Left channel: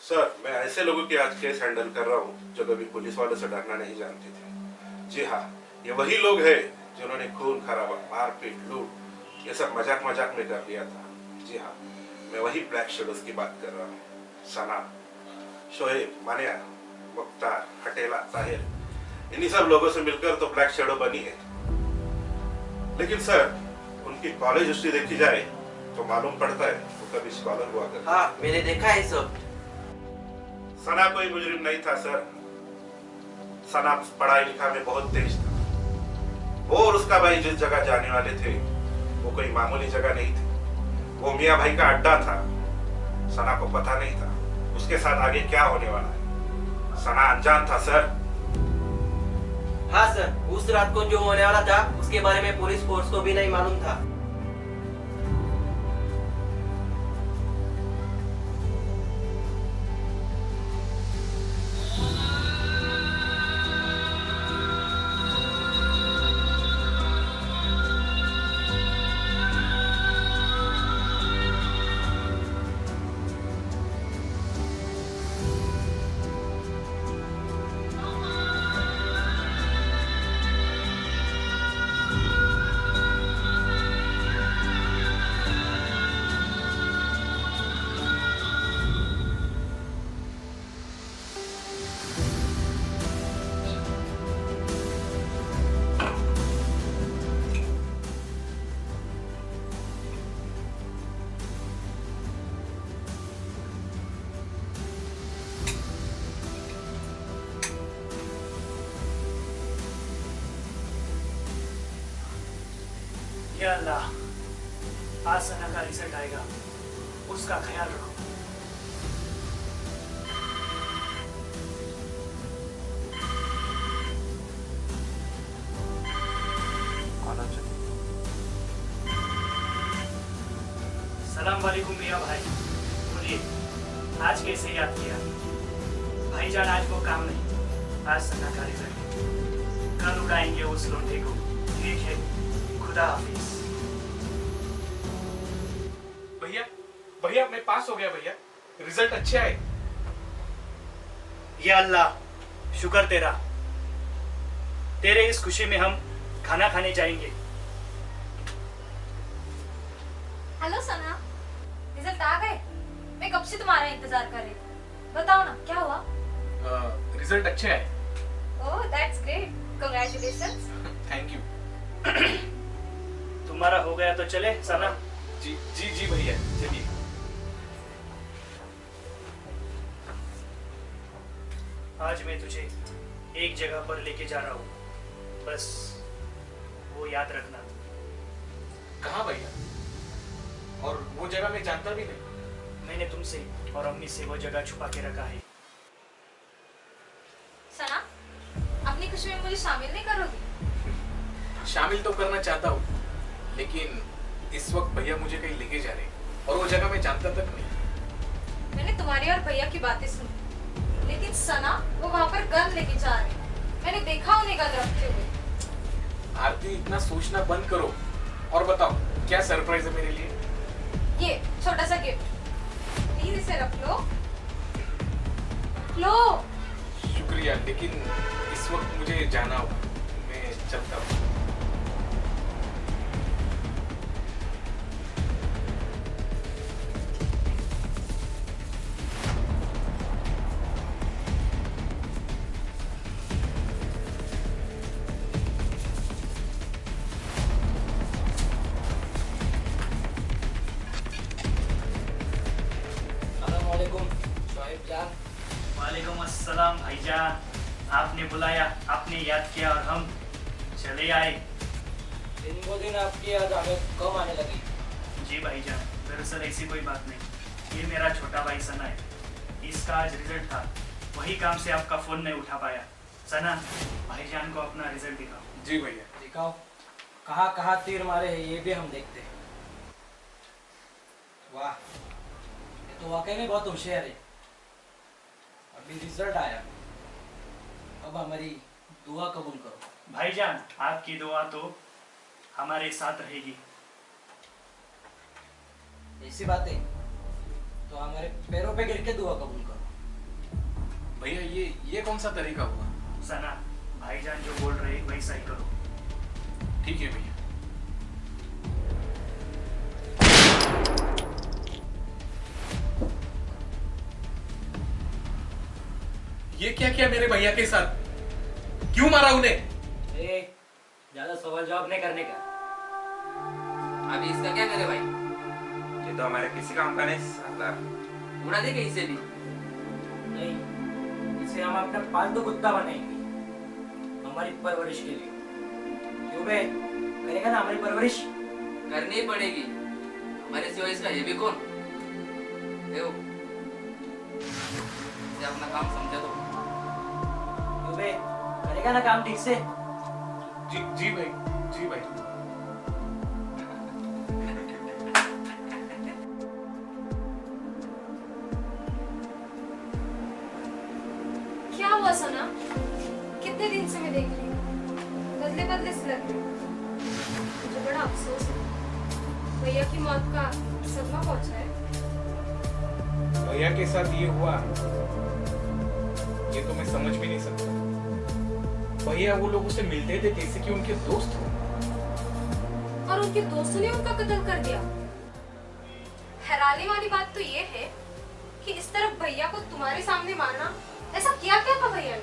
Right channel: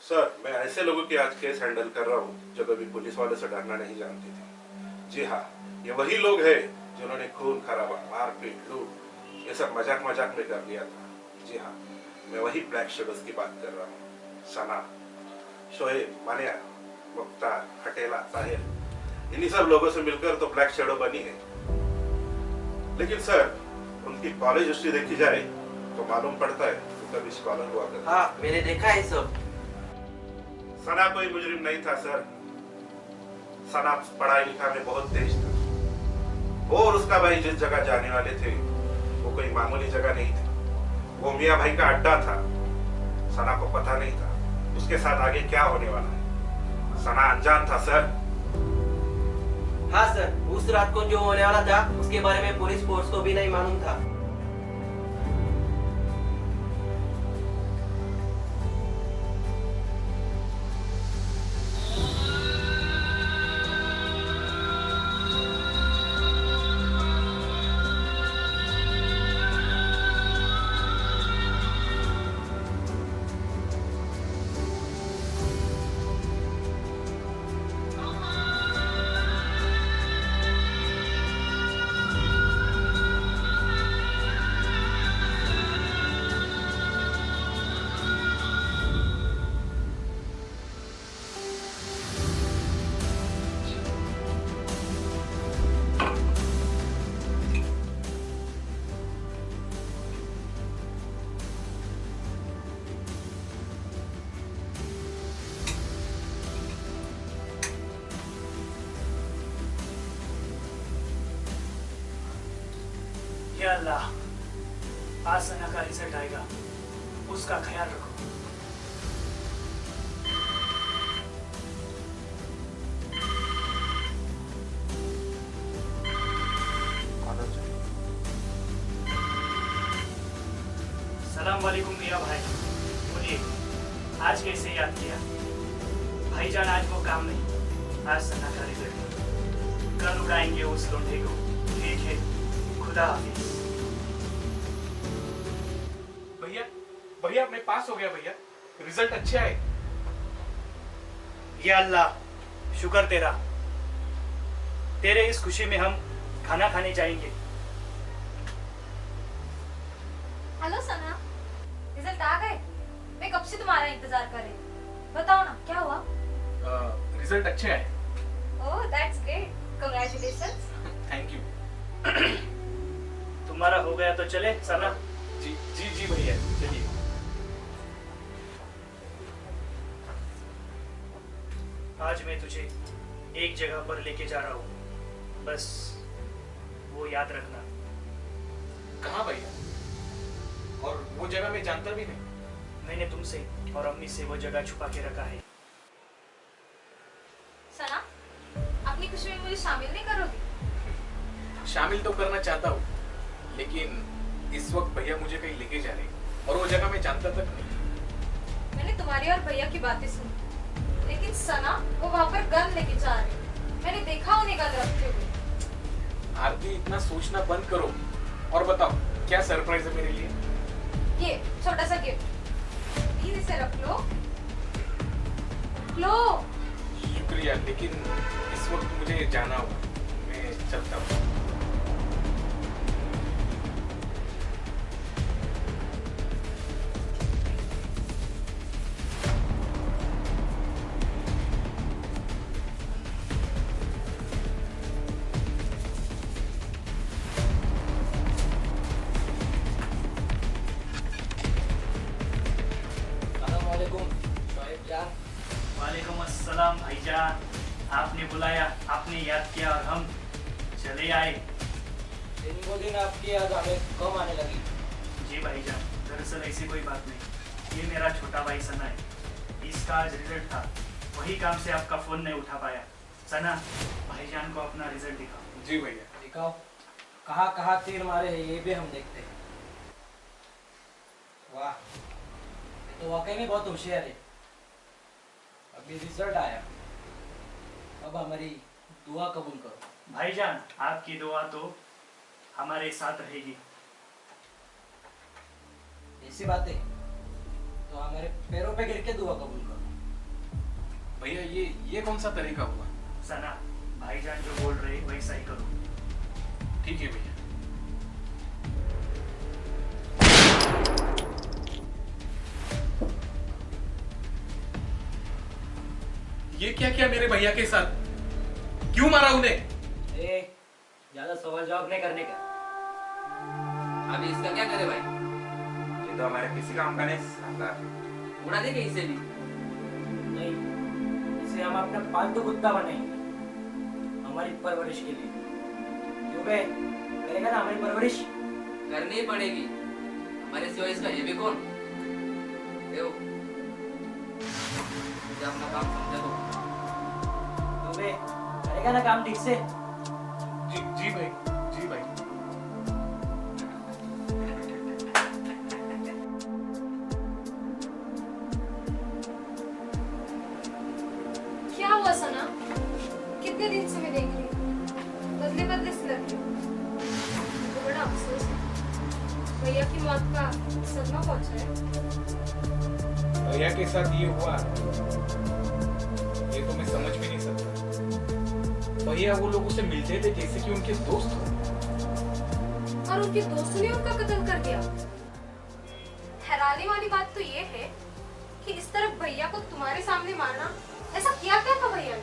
Sir, मैं ऐसे लोगों की आज केस हैंडल कर रहा हूँ जो कभी पुलिस वालों से डरना नहीं जानते थे। जी हाँ, ये वही लोग हैं जिन्होंने खून खराबा, मारपीट, लूट ये सब मजाक मजाक में कर लिया था। जी हाँ, मैं वही ब्लैक शेडोज की बात कर रहा हूँ। सना, शोएब, मानिया, मुख्तार, हटेला, ताहिर, इन्हीं सब लोगों से मिलकर तो ब्लैक शेडो बनी है। लेकिन सर, उनकी कॉलेज हिस्ट्री देखी जाए तो मालूम पड़ता है वो कभी स्कॉलर हुआ करते। हाँ, मैंने देखा है सब। सना कोई मुजरिम नहीं था सर। सना पढ़ाई लिखा में बहुत तेज था। वो और उसका भाई जिस जगह जाने वाले थे वो कोई मामूली जगह नहीं थी। वो मियाँ भाई का अड्डा था। सना को पता नहीं था उसके साथ आगे क्या होने वाला है। सना अनजान था सर। हाँ सर, उस रात को जो होने वाला था उसके बारे में पुलिस फोर्स को भी नहीं मालूम था। या अल्लाह, आज सना का रिजल्ट आएगा, उसका ख्याल रखो। सलाम वालेकुम मियाँ भाई, बोलिए आज कैसे याद किया? भाईजान आज वो काम नहीं, आज सना का रिजल्ट है। कल उड़ाएंगे उस लोंढे को। ठीक है, खुदा हाफिज। भैया भैया मैं पास हो गया भैया, रिजल्ट अच्छे आए। या अल्लाह, शुक्र तेरा। तेरे इस खुशी में हम खाना खाने जाएंगे। हेलो सना, रिजल्ट आ गए? मैं कब से तुम्हारा इंतजार कर रही थी। बताओ ना क्या हुआ? रिजल्ट अच्छे आए। Oh that's great, congratulations. Thank you. तुम्हारा हो गया तो चले सना। जी जी जी भैया, चलिए। आज मैं तुझे एक जगह पर लेके जा रहा हूँ, बस वो याद रखना। कहाँ भैया? और वो जगह मैं जानता भी नहीं। मैंने तुमसे और अम्मी से वो जगह छुपा के रखा है। सना, अपनी खुशी में मुझे शामिल नहीं करोगी? शामिल तो करना चाहता हूँ, लेकिन इस वक्त भैया मुझे कहीं लेके जा रहे हैं और वो जगह मैं जानता तक नहीं। मैंने तुम्हारी और भैया की बातें सुनी, लेकिन सना वो वहाँ पर गन लेके जा रहे हैं। मैंने देखा उन्हें गन रखते हुए। आरती, इतना सोचना बंद करो और बताओ क्या सरप्राइज है मेरे लिए? ये छोटा सा गिफ्ट, प्लीज इसे रख लो। रख लो। शुक्रिया, लेकिन इस वक्त मुझे जाना होगा। मैं चलता हूँ। वालेकुम अस्सलाम भाईजान, आपने बुलाया, आपने याद किया और हम चले आए। दिन ब दिन आपकी याद हमें कम आने लगी। जी भाईजान, दरअसल ऐसी कोई बात नहीं। ये मेरा छोटा भाई सना है, इसका आज रिजल्ट था, वही काम से आपका फोन नहीं उठा पाया। सना, भाईजान को अपना रिजल्ट दिखाओ। जी भैया। दिखाओ, कहाँ कहाँ तीर मारे हैं ये भी हम देखते हैं। वाह, ये तो वाकई में बहुत होशियार है। अभी रिजल्ट आया, अब हमारी दुआ कबूल करो। भाईजान, आपकी दुआ तो हमारे साथ रहेगी। ऐसी बात है तो हमारे पैरों पे गिर के दुआ कबूल करो। भैया ये कौन सा तरीका हुआ? सना, भाईजान जो बोल रहे वैसा ही करो। ठीक है भैया। ये क्या किया मेरे भैया के साथ? क्यों मारा उन्हें? ज्यादा सवाल जवाब नहीं करने का। अभी इसका क्या करे भाई? ये तो हमारे किसी काम का नहीं साला। उड़ा देंगे इसे भी। नहीं, इसे हम अपना पालतू कुत्ता बनाएंगे हमारी परवरिश के लिए। क्यों बे, करेगा ना हमारी परवरिश? करनी ही पड़ेगी, हमारे सिवा इसका ये भी कौन? देव, इसे अपना काम समझा दो। क्यों बे, करेगा ना काम ठीक से? जी भाई, जी भाई। क्या हुआ सना? कितने दिन से मैं देख रही हूँ, बदले बदले से लग रही हूँ। मुझे बड़ा अफसोस है, भैया की मौत का सदमा पहुंचा है। भैया के साथ ये हुआ, ये तो मैं समझ भी नहीं सकता। भैया वो लोगों से मिलते थे जैसे कि उनके दोस्त हो, और उनके दोस्तों ने उनका कत्ल कर दिया। हैरानी वाली बात तो ये है कि इस तरफ भैया को तुम्हारे सामने मारना, ऐसा किया क्या था भैया ने?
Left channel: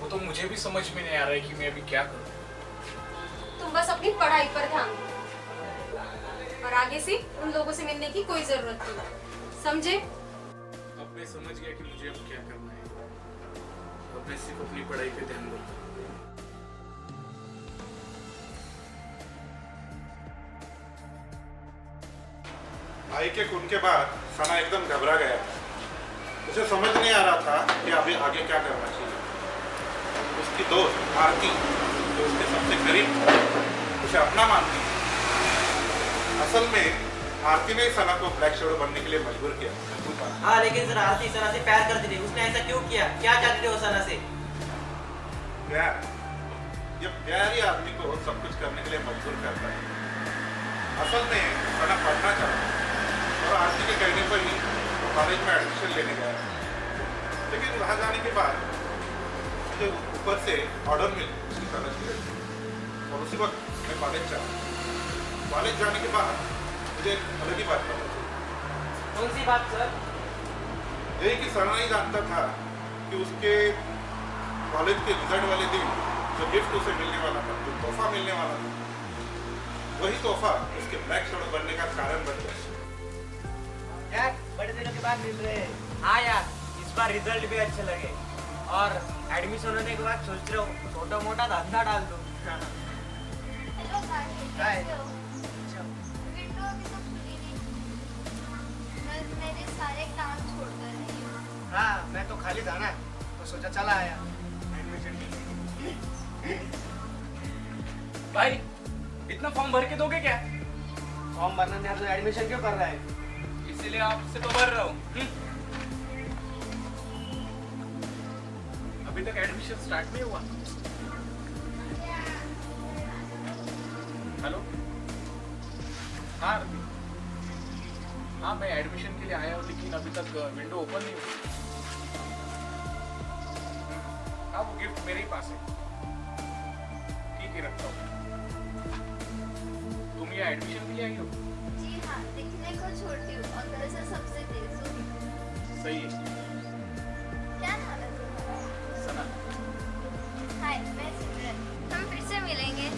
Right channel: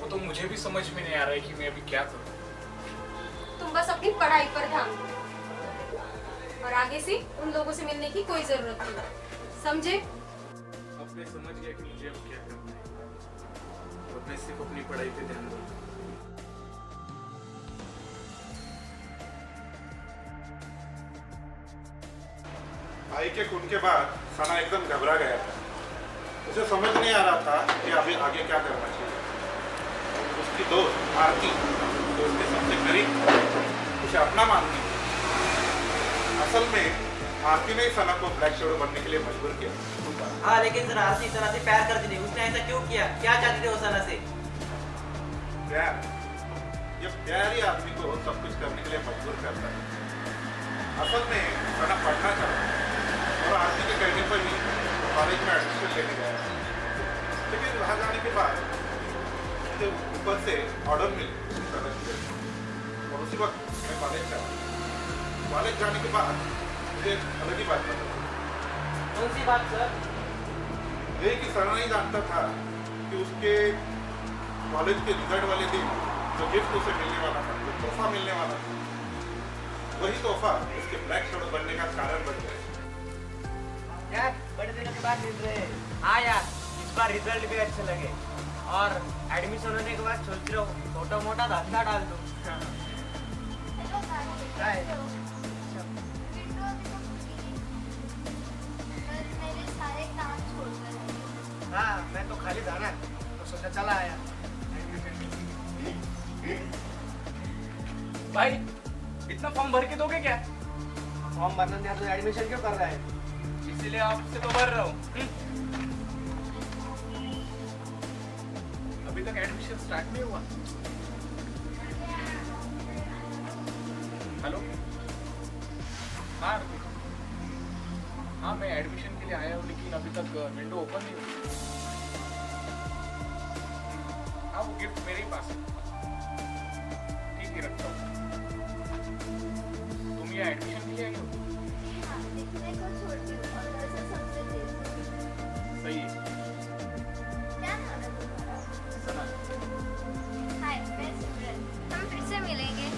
वो तो मुझे भी समझ में नहीं आ रहा है कि मैं अभी क्या करूं। तुम बस अपनी पढ़ाई पर ध्यान दो और आगे से उन लोगों से मिलने की कोई जरूरत नहीं, समझे? अब मैं समझ गया कि मुझे अब क्या करना है, और मैं सिर्फ अपनी पढ़ाई पे ध्यान दूंगा। भाई के खून के बाद सना एकदम घबरा गया था। उसे समझ नहीं आ रहा था कि अभी आगे क्या करना चाहिए। उसकी दोस्त आरती, जो उसके सबसे करीब था, उसे अपना मानती थी। असल में आरती ने सना को ब्लैक शैडो बनने के लिए मजबूर किया। हाँ, लेकिन सर आरती सना से प्यार करती थी। उसने ऐसा क्यों किया? क्या चाहती थी वो सना से? प्यार, ये प्यार ही आदमी को सब कुछ करने के लिए मजबूर करता है। असल में सना पढ़ना चाहता और आरती के कहने पर ही कॉलेज में एडमिशन लेने गया, लेकिन वहाँ जाने के बाद मुझे ऊपर से ऑर्डर मिले उसकी तरफ से, और उसी वक्त मैं कॉलेज चला। कॉलेज जाने के बाद मुझे एक अलग ही बात पता चली। कौन सी बात सर? यही कि सना नहीं जानता था कि उसके कॉलेज के रिजल्ट वाले दिन जो गिफ्ट उसे मिलने वाला था, जो तोहफा मिलने वाला था, वही तोहफा उसके ब्लैक शैडो बनने का कारण बन गया। यार, बड़े दिनों के बाद मिल रहे हैं। हाँ यार, इस बार रिजल्ट भी अच्छे लगे और एडमिशन होने के बाद सोच रहा हूँ छोटा मोटा धंधा डाल दूँ। हेलो गाइस, हाय। कैसे हो? विंडो अभी तो खुली नहीं। मैं मेरे सारे काम छोड़कर आई हूँ। हाँ, मैं तो खाली था ना, तो सोचा चला आया एडमिशन के लिए। भाई, इतना फॉर्म भर के दोगे क्या? फॉर्म भरना नहीं तो एडमिशन क्यों कर रहा है? इसीलिए आपसे तो भर रहा हूँ। अभी तक एडमिशन स्टार्ट नहीं हुआ। हेलो, हाँ अरबी, हाँ मैं एडमिशन के लिए आया हूँ, लेकिन अभी तक विंडो ओपन नहीं हुई। हाँ, वो गिफ्ट मेरे ही पास है। ठीक है, रखता हूँ। तुम यहाँ एडमिशन के लिए आई हो? जी हाँ, दिखने को छोटी हूँ और घर से सबसे तेज हूँ। सही है। क्या नाम है तुम्हारा? सना। हाय, मैं सिमरन। हम फिर से मिलेंगे।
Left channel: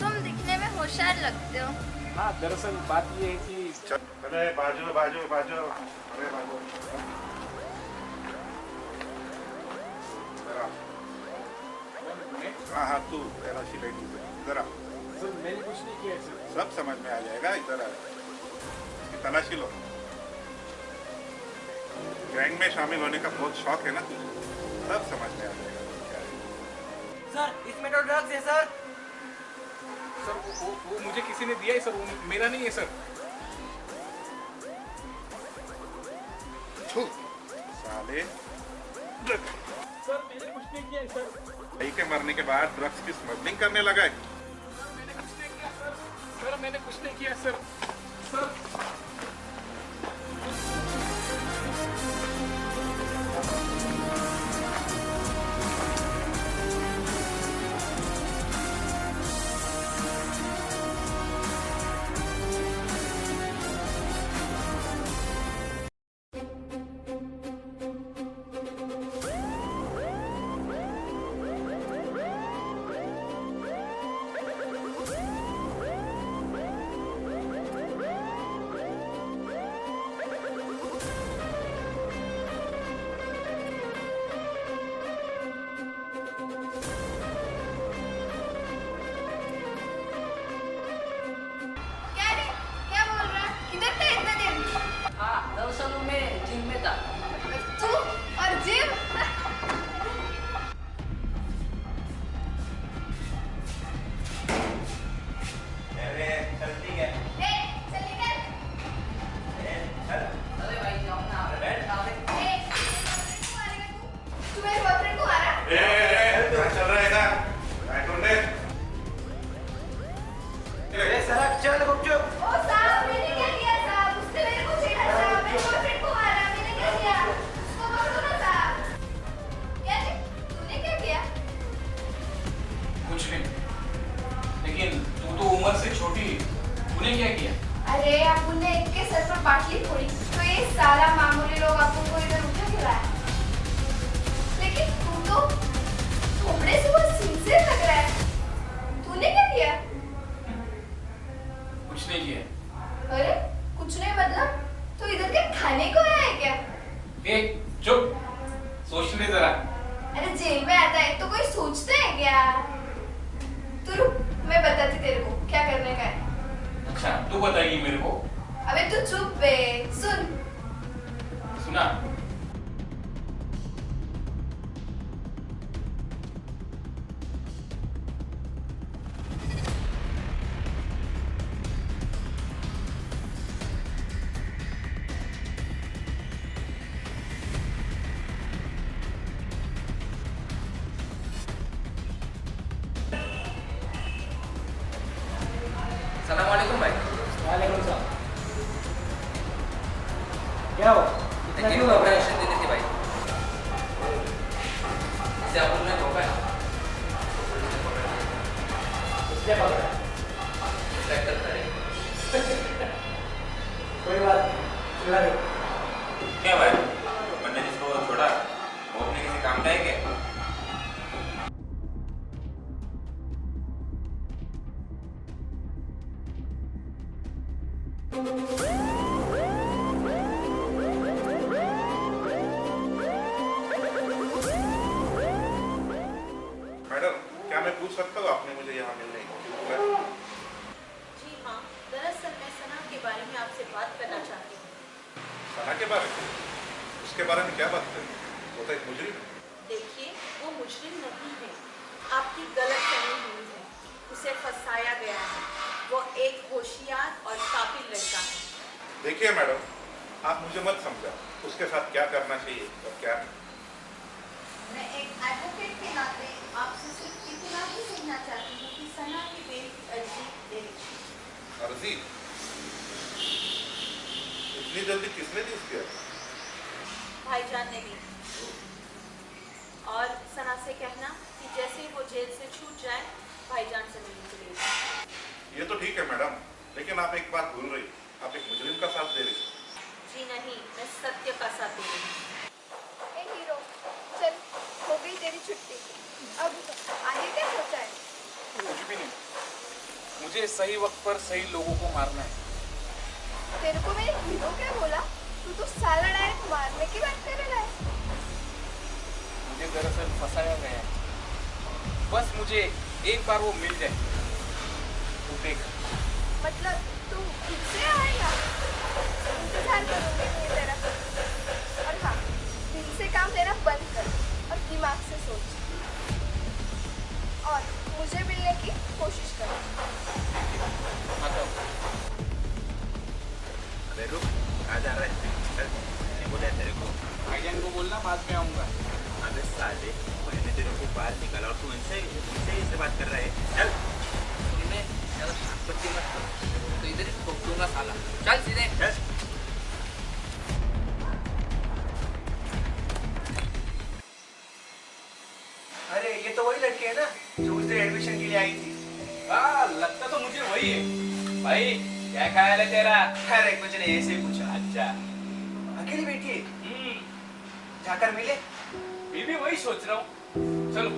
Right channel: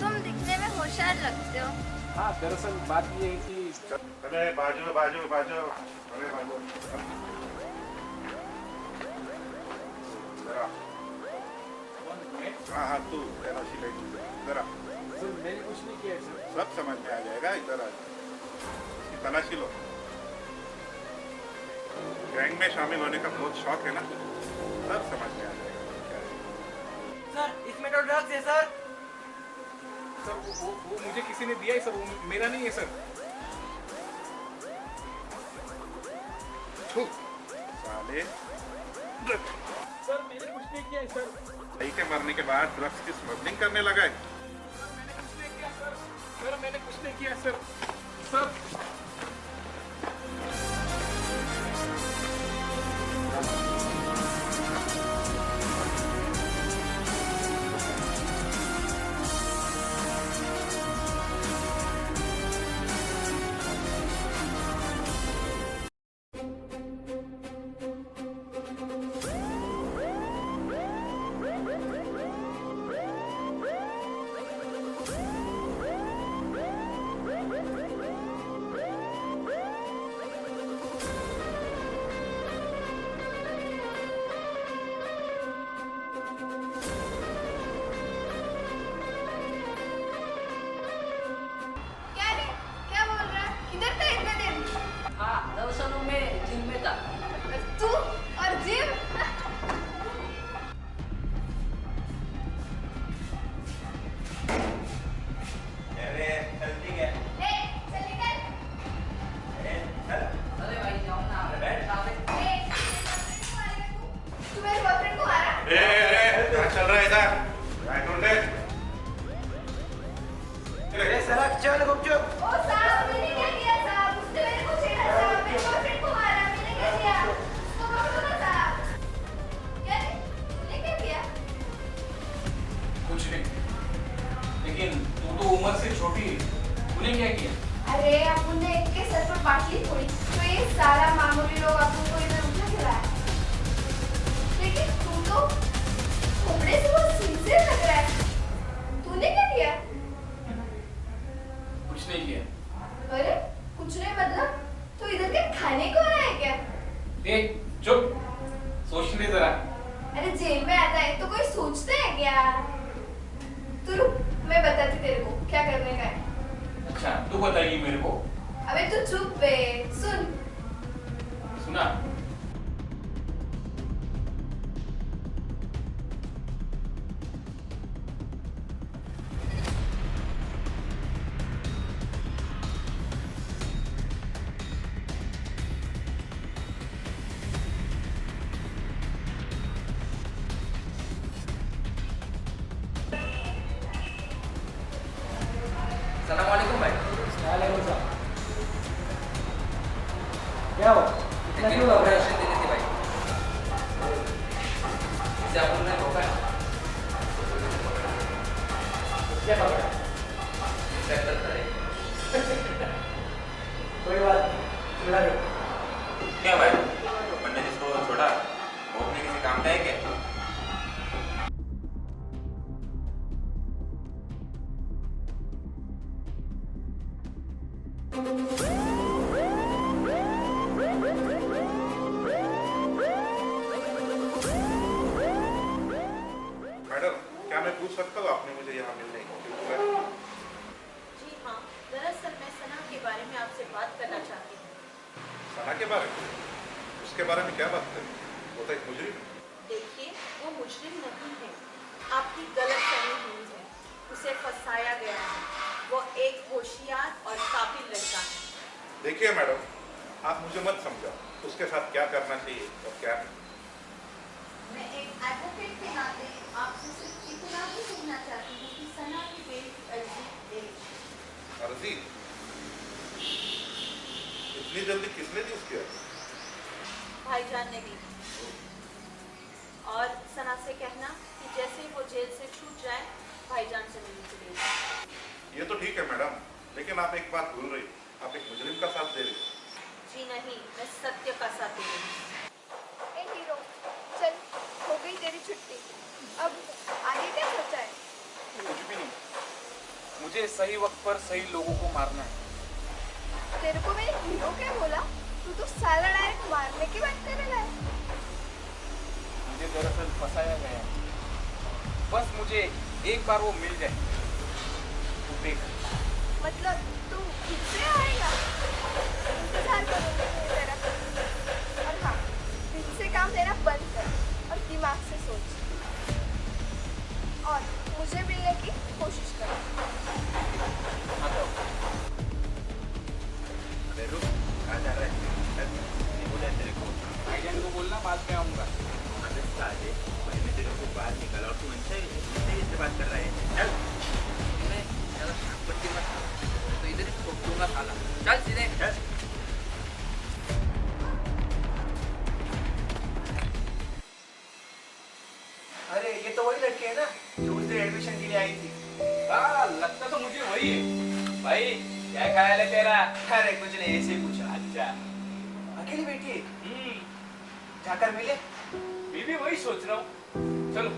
तुम दिखने में होशियार लगते हो। हाँ, दरअसल बात ये है कि अरे बाजू बाजू बाजू, अरे बाजू जरा। मैं हाँ हाँ, तू तेरा सिलाई जरा, सर मैंने कुछ नहीं किया है सर। सब समझ में आ जाएगा। इधर आ जा, इसकी तलाशी लो। गैंग में शामिल होने का बहुत शौक है ना तुझे, सब समझ में आ जाएगा क्या है। सर, इसमें तो ड्रग्स है सर। सर वो मुझे किसी ने दिया है सर, वो मेरा नहीं है सर। छू साले, सर मैंने कुछ नहीं किया है सर। भाई के मरने के बाद ड्रग्स की स्मगलिंग करने लगा है। सर मैंने कुछ नहीं किया सर। सर मैंने कुछ नहीं किया सर। सर ए चुप, सोचने दे जरा। अरे जेल में आता है तो कोई सोचते है क्या? तू रुक, मैं बताती तेरे को क्या करने का है। अच्छा तू बताएगी मेरे को? अबे तू चुप बे, सुन। सुना। सलाम वालेकुम भाई। वालेकुम सलाम। क्या हुआ? इतना क्यों घबरा रहे हो? ऑपरेशन देनी थी भाई। इसे अपन ने रोका है। क्या पकड़ा? इंस्पेक्टर खड़े। कोई बात नहीं, चला दो। क्या भाई, मैंने जिसको छोड़ा वो अपने किसी काम का है क्या? मैडम, क्या मैं पूछ सकता हूँ आपने मुझे यहाँ मिलने क्यों बुलाया? जी हाँ, दरअसल मैं सना के बारे में आपसे बात करना चाहती हूँ। सना के बारे में? उसके बारे में क्या बात करें? वो तो एक मुजरिम है। देखिए, वो मुजरिम नहीं है, आपकी गलत फहमी हुई है। उसे फंसाया गया है। वो एक होशियार और काबिल लड़का है। देखिए मैडम, आप मुझे मत समझाओ उसके साथ क्या करना चाहिए और क्या नहीं। मैं एक एडवोकेट के नाते आपसे सिर्फ इतना ही कहना चाहती हूँ कि सना की बेल की अर्जी दे दीजिए। अर्जी? इतनी जल्दी किसने दी उसकी अर्जी? भाईजान ने दी। और सना से कहना कि जैसे ही वो जेल से छूट जाए, भाईजान से मिलने चले जाए। ये तो ठीक है मैडम, लेकिन आप एक बात भूल रही, आप एक मुजरिम का साथ दे रही। जी नहीं, मैं सत्य का साथ दे रही हूँ। ए हीरो, चल, हो गई तेरी छुट्टी। अब आगे क्या सोचा है? कुछ भी नहीं, मुझे सही वक्त पर सही लोगों को मारना है। तेरे को मैंने हीरो क्या बोला? तू तो साला डायरेक्ट मारने की बात करेगा। मुझे दरअसल फंसाया गया है। बस मुझे एक बार वो मिल जाए तो देख। मतलब तू खुद से आएगा? इंतजार करूंगी मैं तेरा। और हाँ, दिल से काम लेना बंद कर और दिमाग से सोच। और मुझे मिलने की कोशिश कर। आता हूँ। अबे रुक, कहाँ जा रहा है? चल, मैंने बोला है तेरे को। भाईजान को बोलना बाद में आऊँगा। अबे साले, मैंने तेरे को बाहर निकाला और तू इनसे बात कर रहा है। चल। तुमने ज्यादा शाकपट्टी मत करो, तो इधर ही ठोक दूंगा साला। चल सीधे। चल। अरे ये तो वही लड़की है ना जो उस दिन एडमिशन के लिए आई थी। हाँ, लगता तो मुझे वही है। भाई, क्या ख्याल है तेरा? अरे कुछ नहीं, ऐसे ही पूछा। अच्छा। अकेली बैठी है, जाकर मिले। मैं भी वही सोच रहा हूँ। चलो।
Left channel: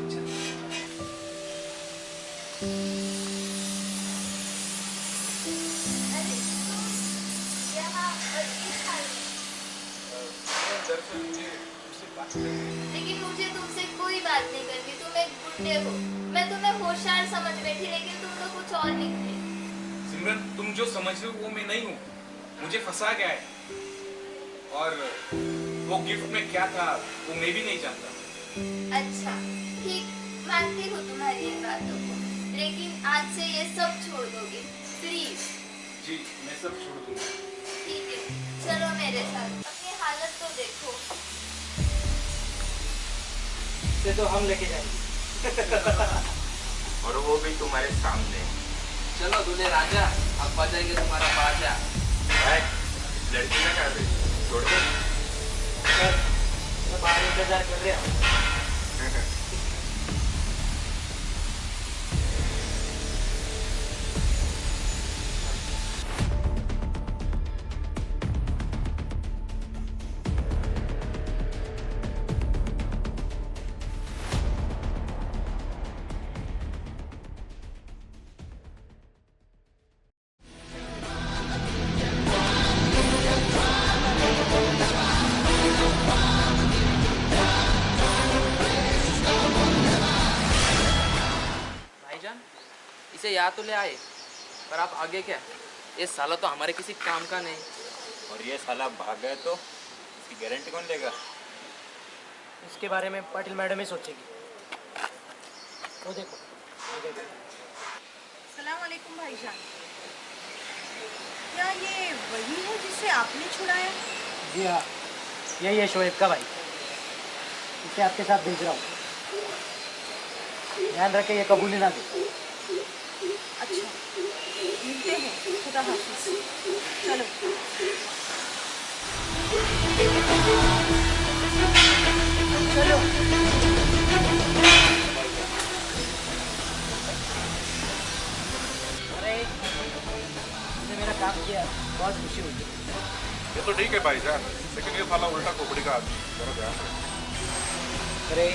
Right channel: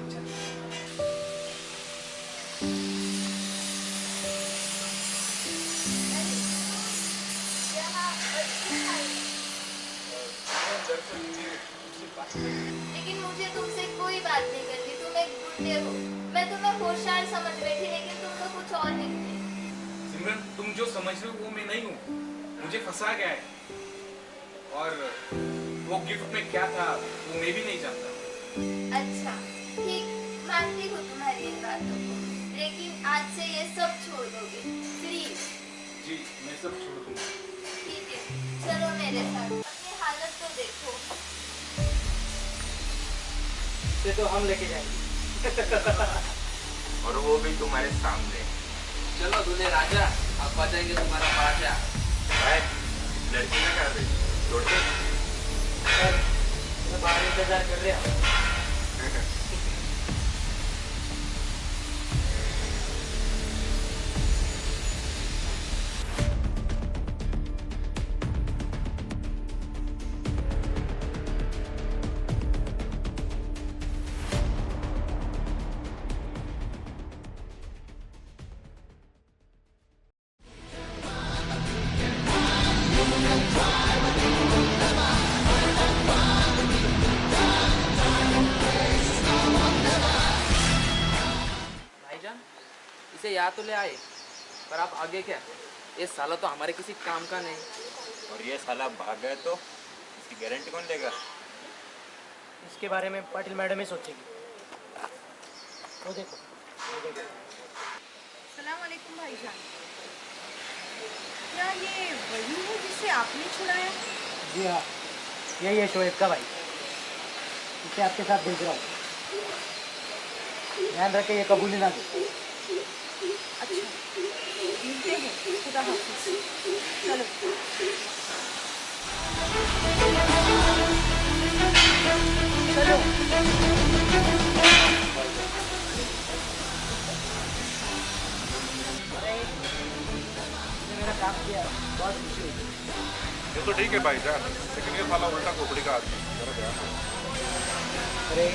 अरे यहाँ और इस साइड। दरअसल मुझे तुमसे बात करनी है। लेकिन मुझे तुमसे कोई बात नहीं करनी। तुम एक गुंडे हो। मैं तुम्हें होशियार समझ बैठी, लेकिन तुम तो कुछ और निकले। सिमरन, तुम जो समझ रहे हो वो मैं नहीं हूँ। मुझे फंसा गया है और वो गिफ्ट में क्या था वो मैं भी नहीं जानता। अच्छा, ठीक, मानती हूँ तुम्हारी इन बातों को, लेकिन आज से ये सब छोड़ दोगे प्लीज? जी, मैं सब छोड़ दूंगा। ठीक है, चलो मेरे साथ। अपनी हालत तो देखो। इसे तो हम लेके जाएंगे। और वो भी तुम्हारे सामने। चलो दूल्हे राजा, अब बजाएंगे तुम्हारा बाजा। भाई, लड़की का क्या है? छोड़ दे। सर, मैं बाहर इंतजार कर रहा हूँ। आ तो ले आए, पर आप आगे क्या? ये साला तो हमारे किसी काम का नहीं। और ये साला भाग गए तो इसकी गारंटी कौन लेगा? इसके बारे में पाटिल मैडम ही सोचेगी। वो देखो, वो देखो। सलाम वालेकुम भाईजान। क्या ये वही है जिसे आपने छुड़ाया? जी हाँ, यही है शोएब का भाई। इसे आपके साथ भेज रहा हूँ। ध्यान रखे ये कबूली ना दे। अच्छा, मिलते हैं। खुदा हाफिज। चलो। चलो। अरे, इसने मेरा काम किया, बहुत खुशी हुई। ये तो ठीक है भाईजान, लेकिन ये साला उल्टा खोपड़ी का आदमी, जरा ध्यान रखो। अरे,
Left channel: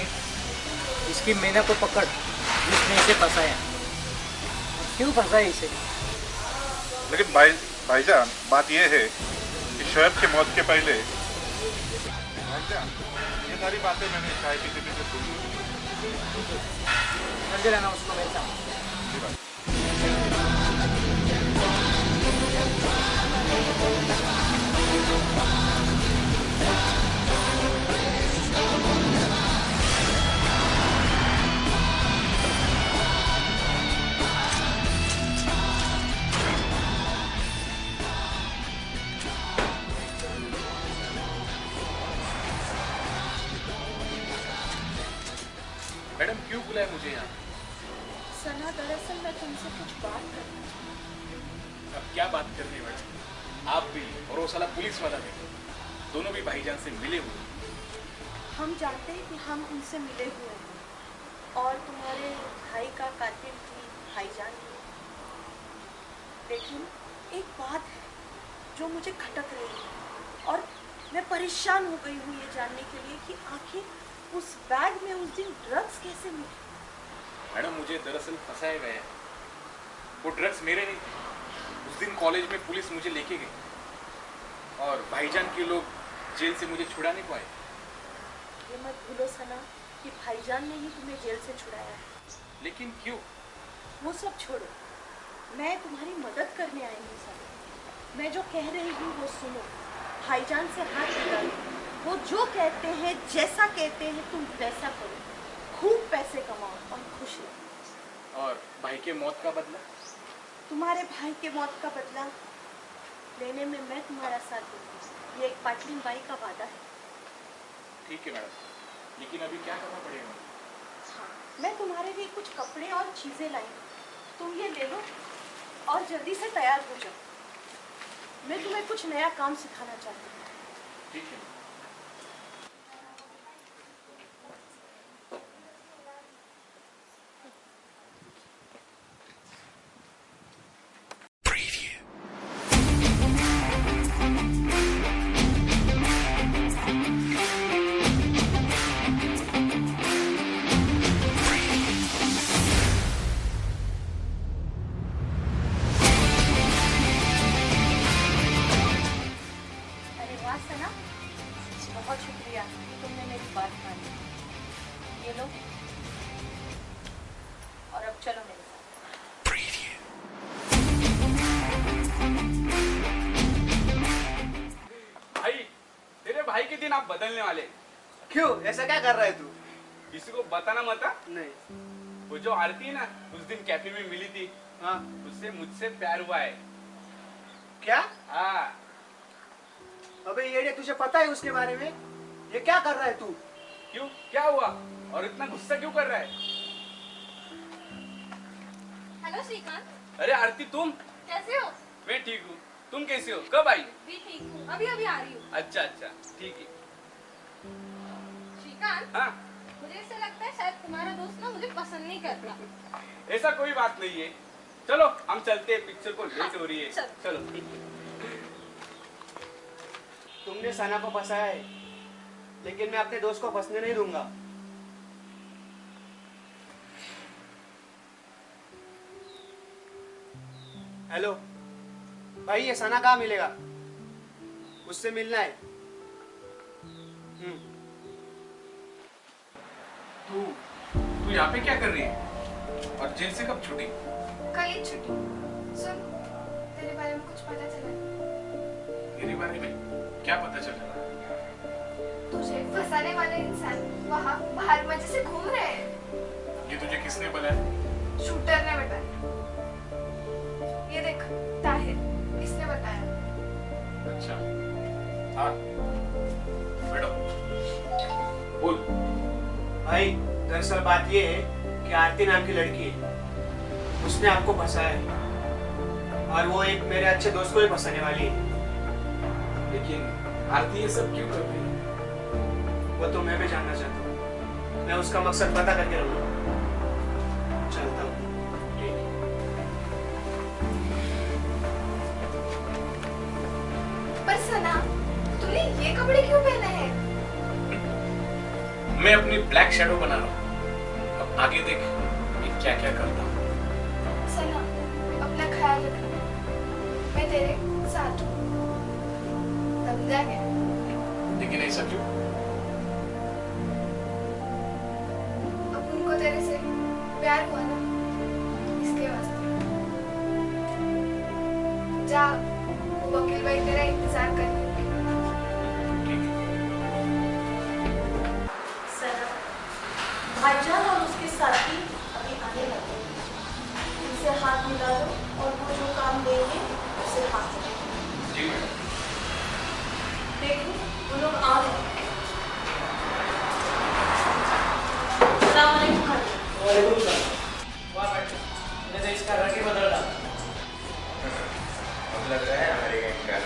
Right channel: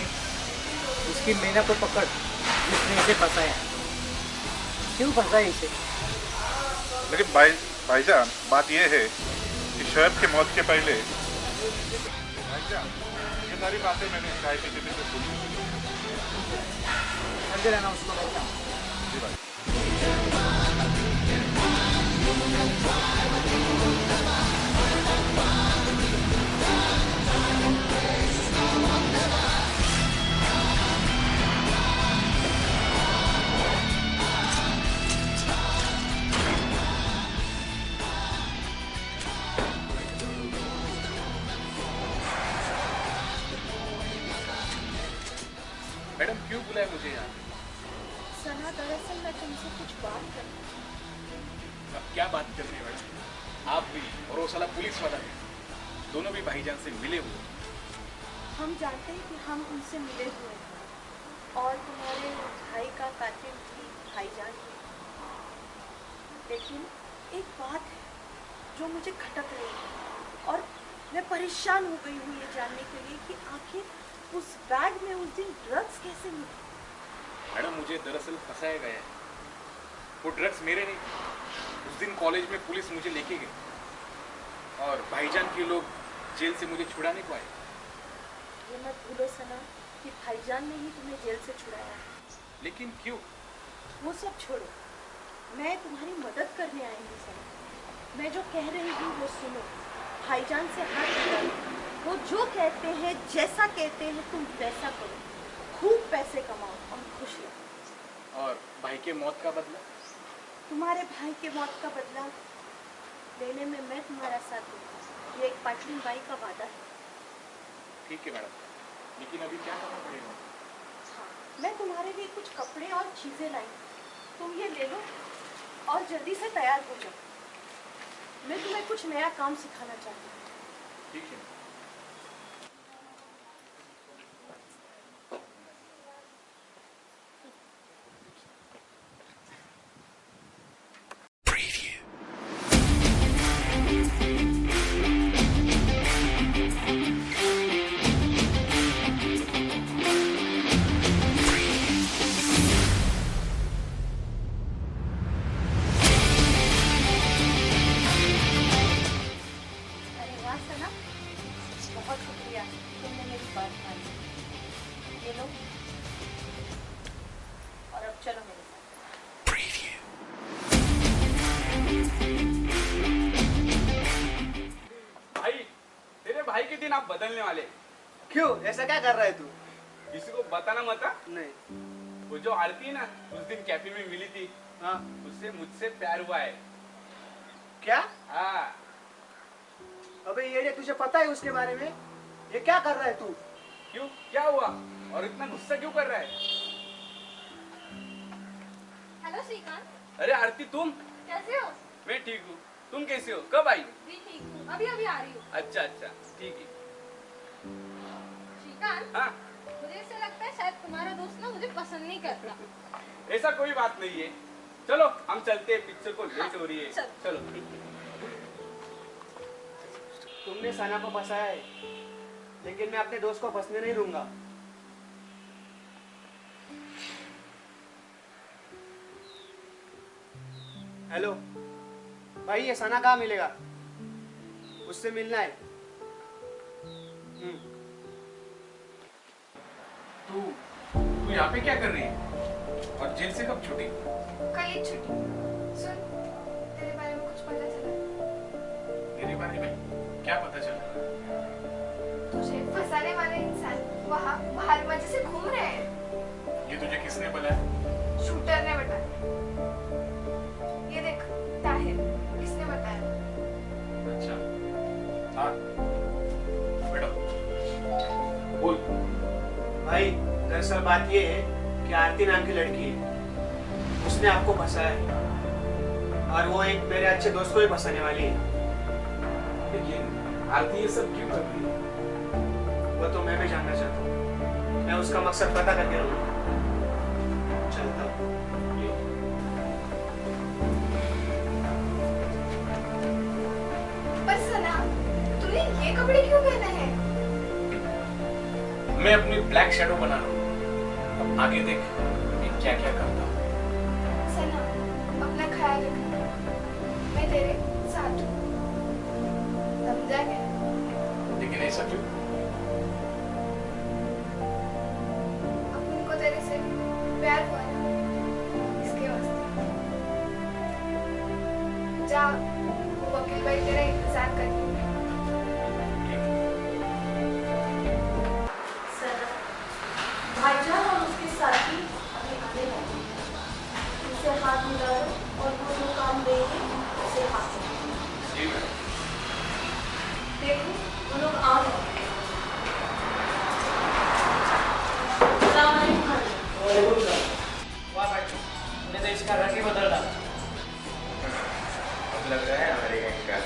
इसकी मेहनत को पकड़ जिसने इसे फंसाया। क्यों फंसाया इसे? लेकिन भाईजान बात ये है कि शोएब की मौत के पहले भाईजान ये सारी बातें मैंने चाय पीते पीते सुनी। समझे रहना उसको मेरे साथ। जी भाई। मैडम क्यों बुलाया मुझे यहाँ? सना, दरअसल मैं तुमसे कुछ बात करना चाहती अब क्या बात करनी है मैडम? आप भी और वो साला पुलिस वाला भी, दोनों भी भाईजान से मिले हुए। हूँ। हम जानते हैं कि हम उनसे मिले हुए हैं और तुम्हारे भाई का कातिल भी भाईजान ही है। लेकिन एक बात है जो मुझे खटक रही है और मैं परेशान हो गई हूँ ये जानने के लिए कि आखिर उस बैग में उस दिन ड्रग्स कैसे मिले। मैडम मुझे दरअसल फंसाया गया है। वो ड्रग्स मेरे नहीं थे। उस दिन कॉलेज में पुलिस मुझे लेके गई और भाईजान के लोग जेल से मुझे छुड़ाने को आए। ये मत भूलो सना कि भाईजान ने ही तुम्हें जेल से छुड़ाया है। लेकिन क्यों? वो सब छोड़ो, मैं तुम्हारी मदद करने आई हूँ सना। मैं जो कह रही हूँ वो सुनो। भाईजान से हाथ मिलाओ। वो जो कहते हैं, जैसा कहते हैं तुम वैसा करो। खूब पैसे कमाओ और खुश रहो। और भाई के मौत का बदला? तुम्हारे भाई के मौत का बदला लेने में मैं तुम्हारा साथ दूंगी। ये एक पाटलिन बाई का वादा है। ठीक है मैडम, लेकिन अभी क्या करना पड़ेगा? हाँ, मैं तुम्हारे लिए कुछ कपड़े और चीज़ें लाई हूँ। तुम ये ले लो और जल्दी से तैयार हो जाओ। मैं तुम्हें कुछ नया काम सिखाना चाहती हूँ। ठीक है। अरे वाह सना, बहुत शुक्रिया तुमने मेरी बात मानी। ये लो और अब चलो मेरे साथ। भाई, तेरे भाई के दिन आप बदलने वाले। क्यों? ऐसा क्या कर रहा है तू? किसी को बताना मत। नहीं। वो जो आरती है ना, उस दिन कैफे में मिली थी, हाँ। उससे मुझसे प्यार हुआ है। क्या? हाँ। अबे ये तुझे पता है उसके बारे में? ये क्या कर रहा है तू? क्यों, क्या हुआ? और इतना गुस्सा क्यों कर रहा है? हेलो श्रीकांत, अरे आरती, तुम? कैसे हो? मैं ठीक हूँ, तुम कैसी हो? कब आई? भी ठीक हूँ, अभी अभी आ रही हूँ। अच्छा अच्छा, ठीक है। श्रीकांत, हाँ, मुझे ऐसा लगता है शायद तुम्हारा दोस्त ना मुझे पसंद नहीं करता। ऐसा कोई बात नहीं है। चलो हम चलते हैं, पिक्चर को लेट हो रही है। चल। चलो। तुमने सना को फंसाया है, लेकिन मैं अपने दोस्त को फंसने नहीं दूंगा। हेलो भाई, ये सना कहाँ मिलेगा? उससे मिलना है। तू यहाँ पे क्या कर रही है? और जेल से कब छुट्टी? कल ही छुट्टी। सुन, तेरे बारे में कुछ पता चला? मेरे बारे में क्या पता चल रहा है? तुझे फंसाने वाले इंसान वहाँ बाहर मजे से घूम रहे हैं। ये तुझे किसने बताया? शूटर ने बताया। ये देख, ताहिर, इसने बताया। अच्छा हाँ बैठो बोल। भाई दरअसल बात ये है कि आरती नाम की लड़की है, उसने आपको फंसाया है और वो एक मेरे अच्छे दोस्त को भी फंसाने वाली है। लेकिन आरती ये सब क्यों कर रही है? वो तो मैं भी जानना चाहता हूँ। मैं उसका मकसद पता करके रहूँगा। चलता हूँ। पर सना, तूने ये कपड़े क्यों पहने हैं? मैं अपनी ब्लैक शैडो बना रहा हूँ। अब आगे देख मैं क्या क्या करता हूँ। सना, अपना ख्याल रखना। मैं तेरे साथ हूँ। समझा क्या? लेकिन ऐसा क्यों? अपन को तेरे से प्यार हुआ ना, इसके वास्ते। जा, वो वकील भाई तेरा इंतजार करने ठीक है। सना, भाईजान और उसके साथी अभी आने वाले हैं। उनसे हाथ मिला लो और वो जो काम देंगे उसे हाथ में जी मैडम। देखो वो लोग आ रहे हैं। अस्सलाम वालेकुम भाई। वालेकुम सलाम। वाह भाई, मैंने तो इसका रंग ही बदल डाला। अब लग रहा है हमारे गैंग का।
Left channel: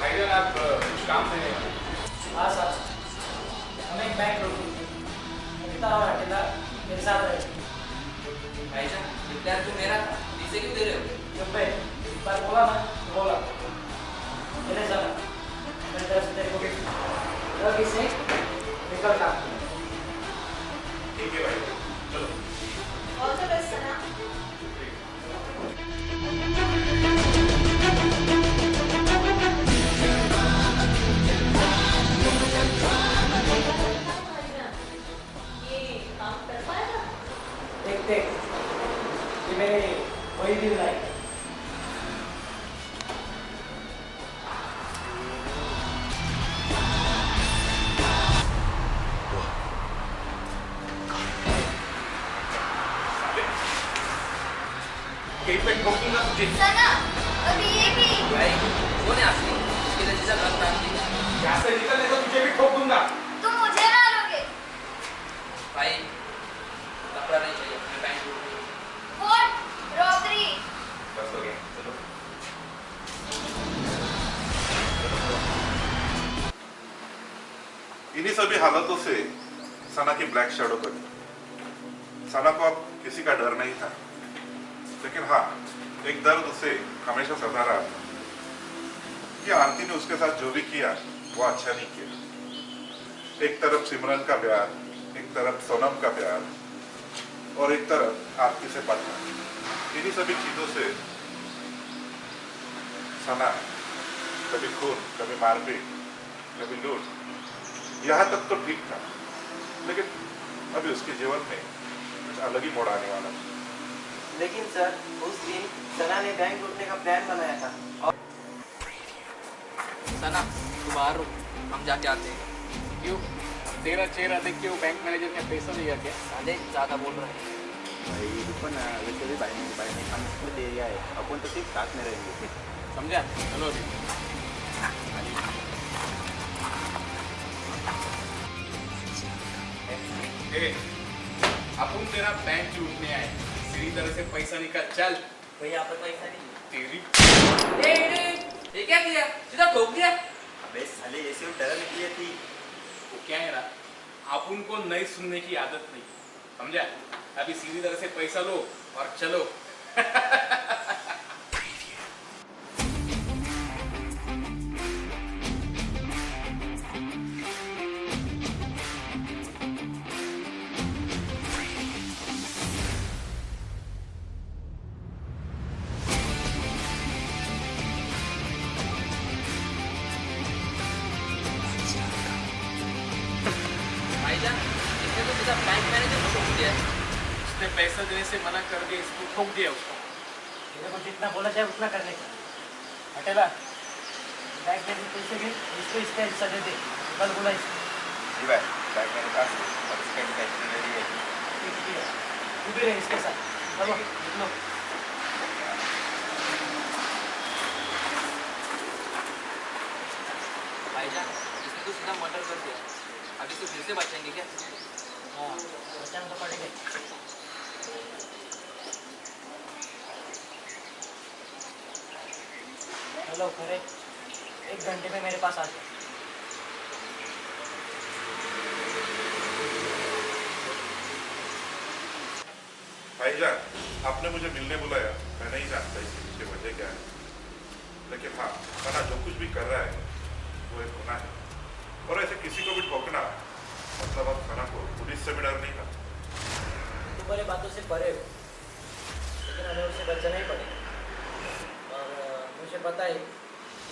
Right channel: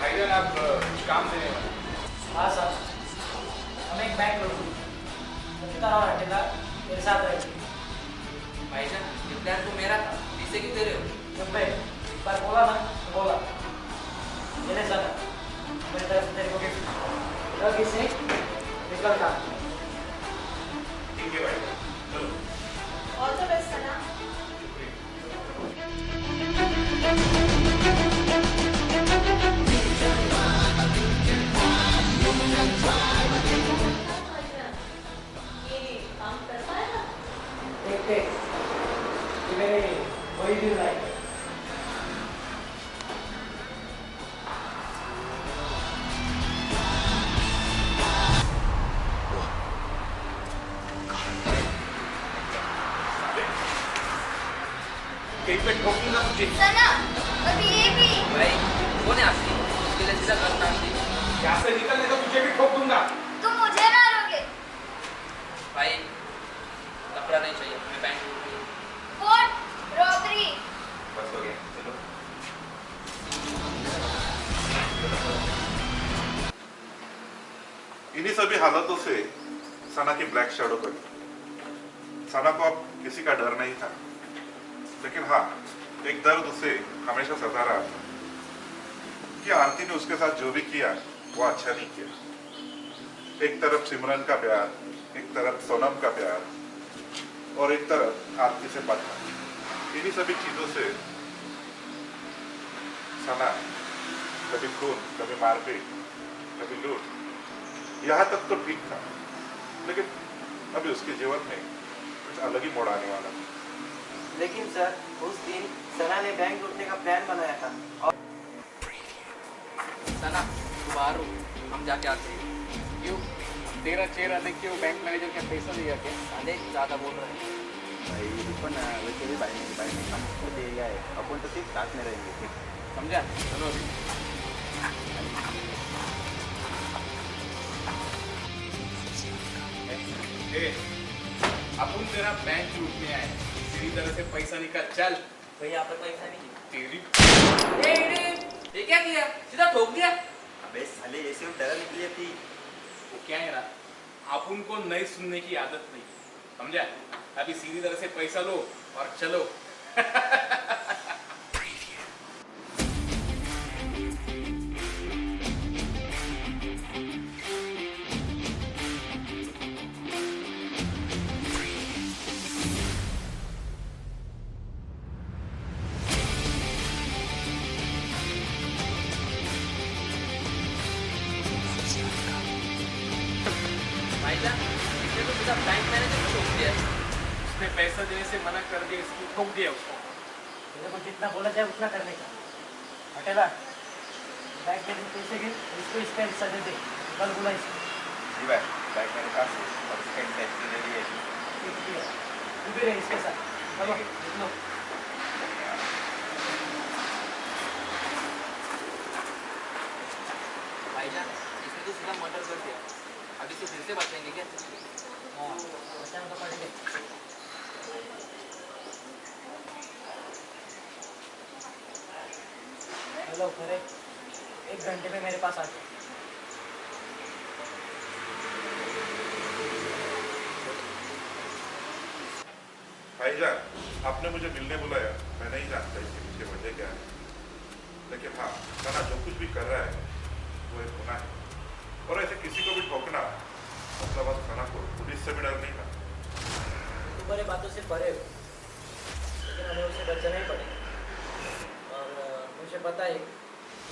भाईजान आप कुछ काम देने वाले हैं? हाँ साहब, हमें एक बैंक रोकी। मुख्तार और अकेला मेरे साथ रहेगी। भाईजान ये प्लान तो मेरा था, इसे क्यों दे रहे हो? जब मैं एक बार बोला ना तो बोला। मेरे साथ मेरी तरफ से तेरे को गिफ्ट रख इसे, निकल का। ठीक है भाई, चलो। ऑल द बेस्ट सना। ये काम कर पाएगा? देखते ये मेरे वही दिन लायक है। कहीं पे ठोकूंगा तुझे। सना, अभी ये भी। भाई कौन है आरती? उसके लिए सीधा घर नाम दी। यहाँ से निकलने तो तुझे भी ठोक दूंगा। तुम मुझे मारोगे। भाई कपड़ा नहीं चाहिए, मैं बैंक लूट रही हूँ। व्हाट? रॉबरी। बस हो गया, चलो। इन्हीं सभी हालातों से सना की ब्लैक शैडो बनी। सना को अब किसी का डर नहीं था, लेकिन हाँ, एक दर्द उसे हमेशा सता रहा था कि आरती ने उसके साथ जो भी किया वो अच्छा नहीं किया। एक तरफ सिमरन का प्यार, एक तरफ सोनम का प्यार और एक तरफ आरती से पता। इन्हीं सभी चीजों से सना कभी खून, कभी मारपीट, कभी लूट, यहाँ तक तो ठीक था, लेकिन अभी उसके जीवन में कुछ अलग ही मोड़ आने वाला था। लेकिन सर, उस दिन सना ने बैंक लूटने का प्लान बनाया था और सना तू बाहर रुक, हम जाके आते हैं। क्यों? तेरा चेहरा देख के वो बैंक मैनेजर का पैसा लिया क्या? साले ज्यादा बोल रहे हैं। भाई रुको ना, वैसे भी भाई नहीं हम खुद एरिया है, अपन तो सिर्फ साथ में रहेंगे। समझा? चलो अभी। ए, अपन तेरा बैंक लूटने आए, सीधी तरह से पैसा निकाल, चल। भैया यहाँ पर पैसा नहीं है। तेरी ये क्या किया? सीधा ठोक दिया। अबे साले ऐसे वो डर निकली थी। वो क्या है ना, अपन को नहीं सुनने की आदत नहीं, समझा? अभी सीधी तरह से पैसा लो और चलो। भाईजान इसने तो सीधा बैंक मैनेजर को ठोक दिया। उसने पैसा देने से मना कर दिया, इसको ठोक दिया उसको। तेरे को जितना बोला जाए उतना करने का। हटेला, बैग में पैसे गए, इसको इसका हिस्सा दे दे। कल बोला इसको। जी भाई, बैग मेरे पास है और इसका इंटेंशन रेडी है। ठीक है, तू भी रहे इसके साथ। चलो, निकलो। भाईजान, इसने तो सीधा मर्डर कर दिया। अभी तो फिर से बचेंगे क्या? हाँ, बचाना तो पड़ेगा। चलो खरे, 1 घंटे में मेरे पास आ जाओ। भाईजान, आपने मुझे मिलने बुलाया, मैं नहीं जानता इसके पीछे वजह क्या है, लेकिन हाँ, सना जो कुछ भी कर रहा है वो एक गुनाह है। और ऐसे किसी को भी ठोकना मतलब आप सना को पुलिस से भी डर नहीं था। तुम्हारे बातों से परे हो, लेकिन हमें उसे बचाना ही पड़ेगा। और मुझे पता है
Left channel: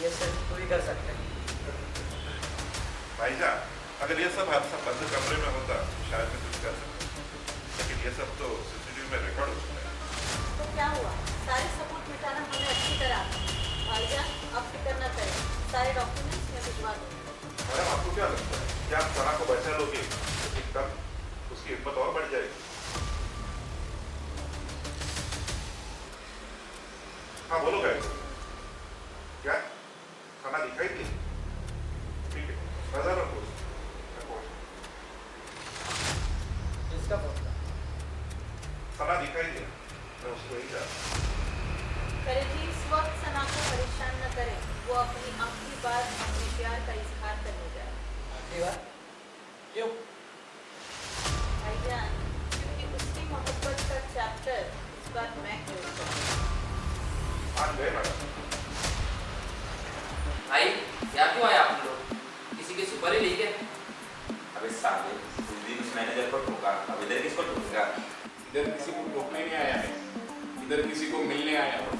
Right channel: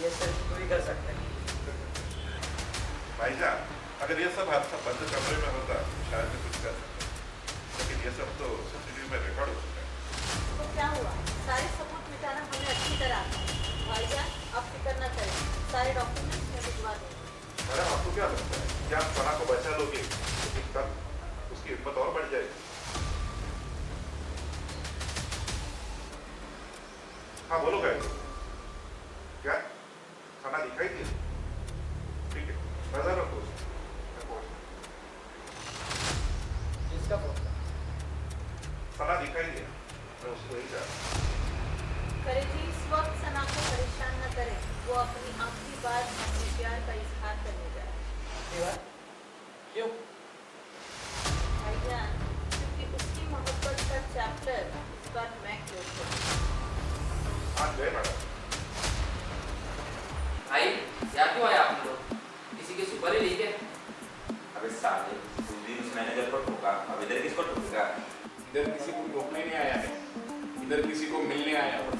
ये सिर्फ तू ही कर सकता है। भाईजान, अगर ये सब हादसा बंद कमरे में होता तो शायद मैं कुछ कर सकता, लेकिन ये सब तो सीसीटीवी में रिकॉर्ड हो चुका है। तो क्या हुआ? सारे सबूत मिटाना हमें अच्छी तरह आता है। भाईजान, अब फिक्र न करें, सारे डॉक्यूमेंट्स मैं भिजवा दूंगी। मैडम, आपको क्या लगता है कि आप सना को बचा लोगे तो कल उसकी हिम्मत और बढ़ जाएगी? हाँ बोलो भाई, क्या सना दिखाई दी? ठीक है, नजर रखो उसको। जिसका फोन था सना दिखाई दिया, मैं उसको यही चाहता हूँ। करे जी, इस वक्त सना को परेशान न करें। वो अपनी आखिरी बार अपने प्यार का इजहार करने जा रहा है। क्यों? भाईजान, क्योंकि उसकी मोहब्बत का चैप्टर इस बार मैं क्लोज करूंगा। आज गए मैडम। भाई, यहाँ क्यों आए आप लोग? किसी के सुपर ही लेके? अबे साले, उस दिन उस मैनेजर को ठोका, अब इधर किसको ठोकेगा? इधर किसी को ठोकने नहीं आया है, इधर किसी को मिलने आया हो।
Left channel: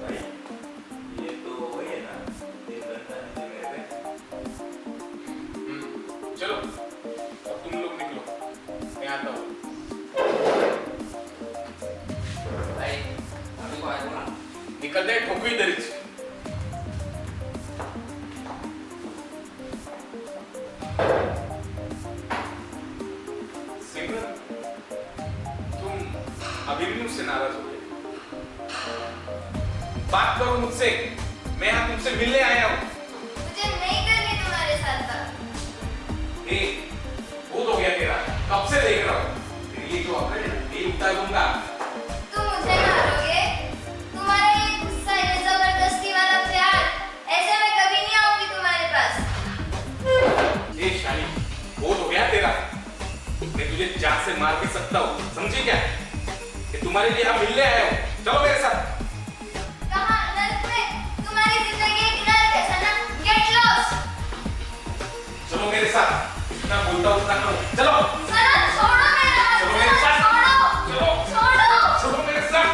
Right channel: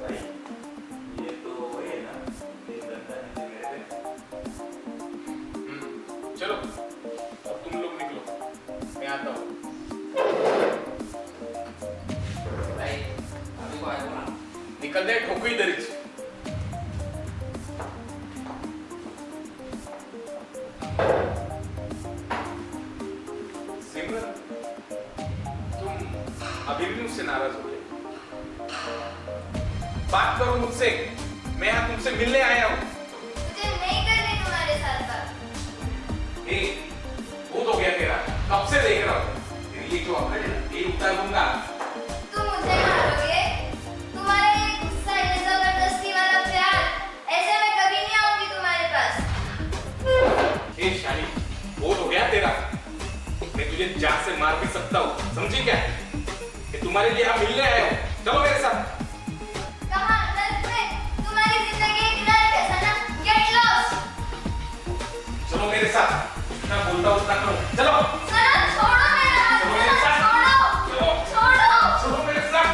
भाई, ये तो वही है ना, दिन गंदा नीचे गए थे। चलो, अब तुम लोग निकलो, मैं आता हूँ। भाई, अभी को आया बोला। निकल दे, ठोको इधर ही। सिमरन, तुम अभी भी मुझसे नाराज हो गए? बात करो मुझसे, मैं यहाँ तुमसे मिलने आया हूँ। मुझे नहीं करनी तुम्हारे साथ बात। ए, बहुत हो गया तेरा, कब से देख रहा हूँ। तेरी ये जो अकड़ है ना, ये उतार दूंगा। तुम मुझे मारोगे? तुम्हारा ये गुस्सा, ये जबरदस्ती वाला प्यार, ऐसे में कभी नहीं आऊंगी तुम्हारे पास। ए शाली, बहुत हो गया तेरा। मैं तुझे जान से मार भी सकता हूँ, समझी क्या? कि तुम्हारे लिए यहाँ मिलने आया हूँ, चलो मेरे साथ। कहाँ? नर्क में? तुम्हारी जिंदगी एक नर्क है सना। Get lost. चलो मेरे साथ, जितना बोलता हूँ उतना करो, चलो। सना, छोड़ो मेरा हाथ। चलो मेरे साथ। छोड़ो। चलो। छोड़ो। चलो मेरे साथ।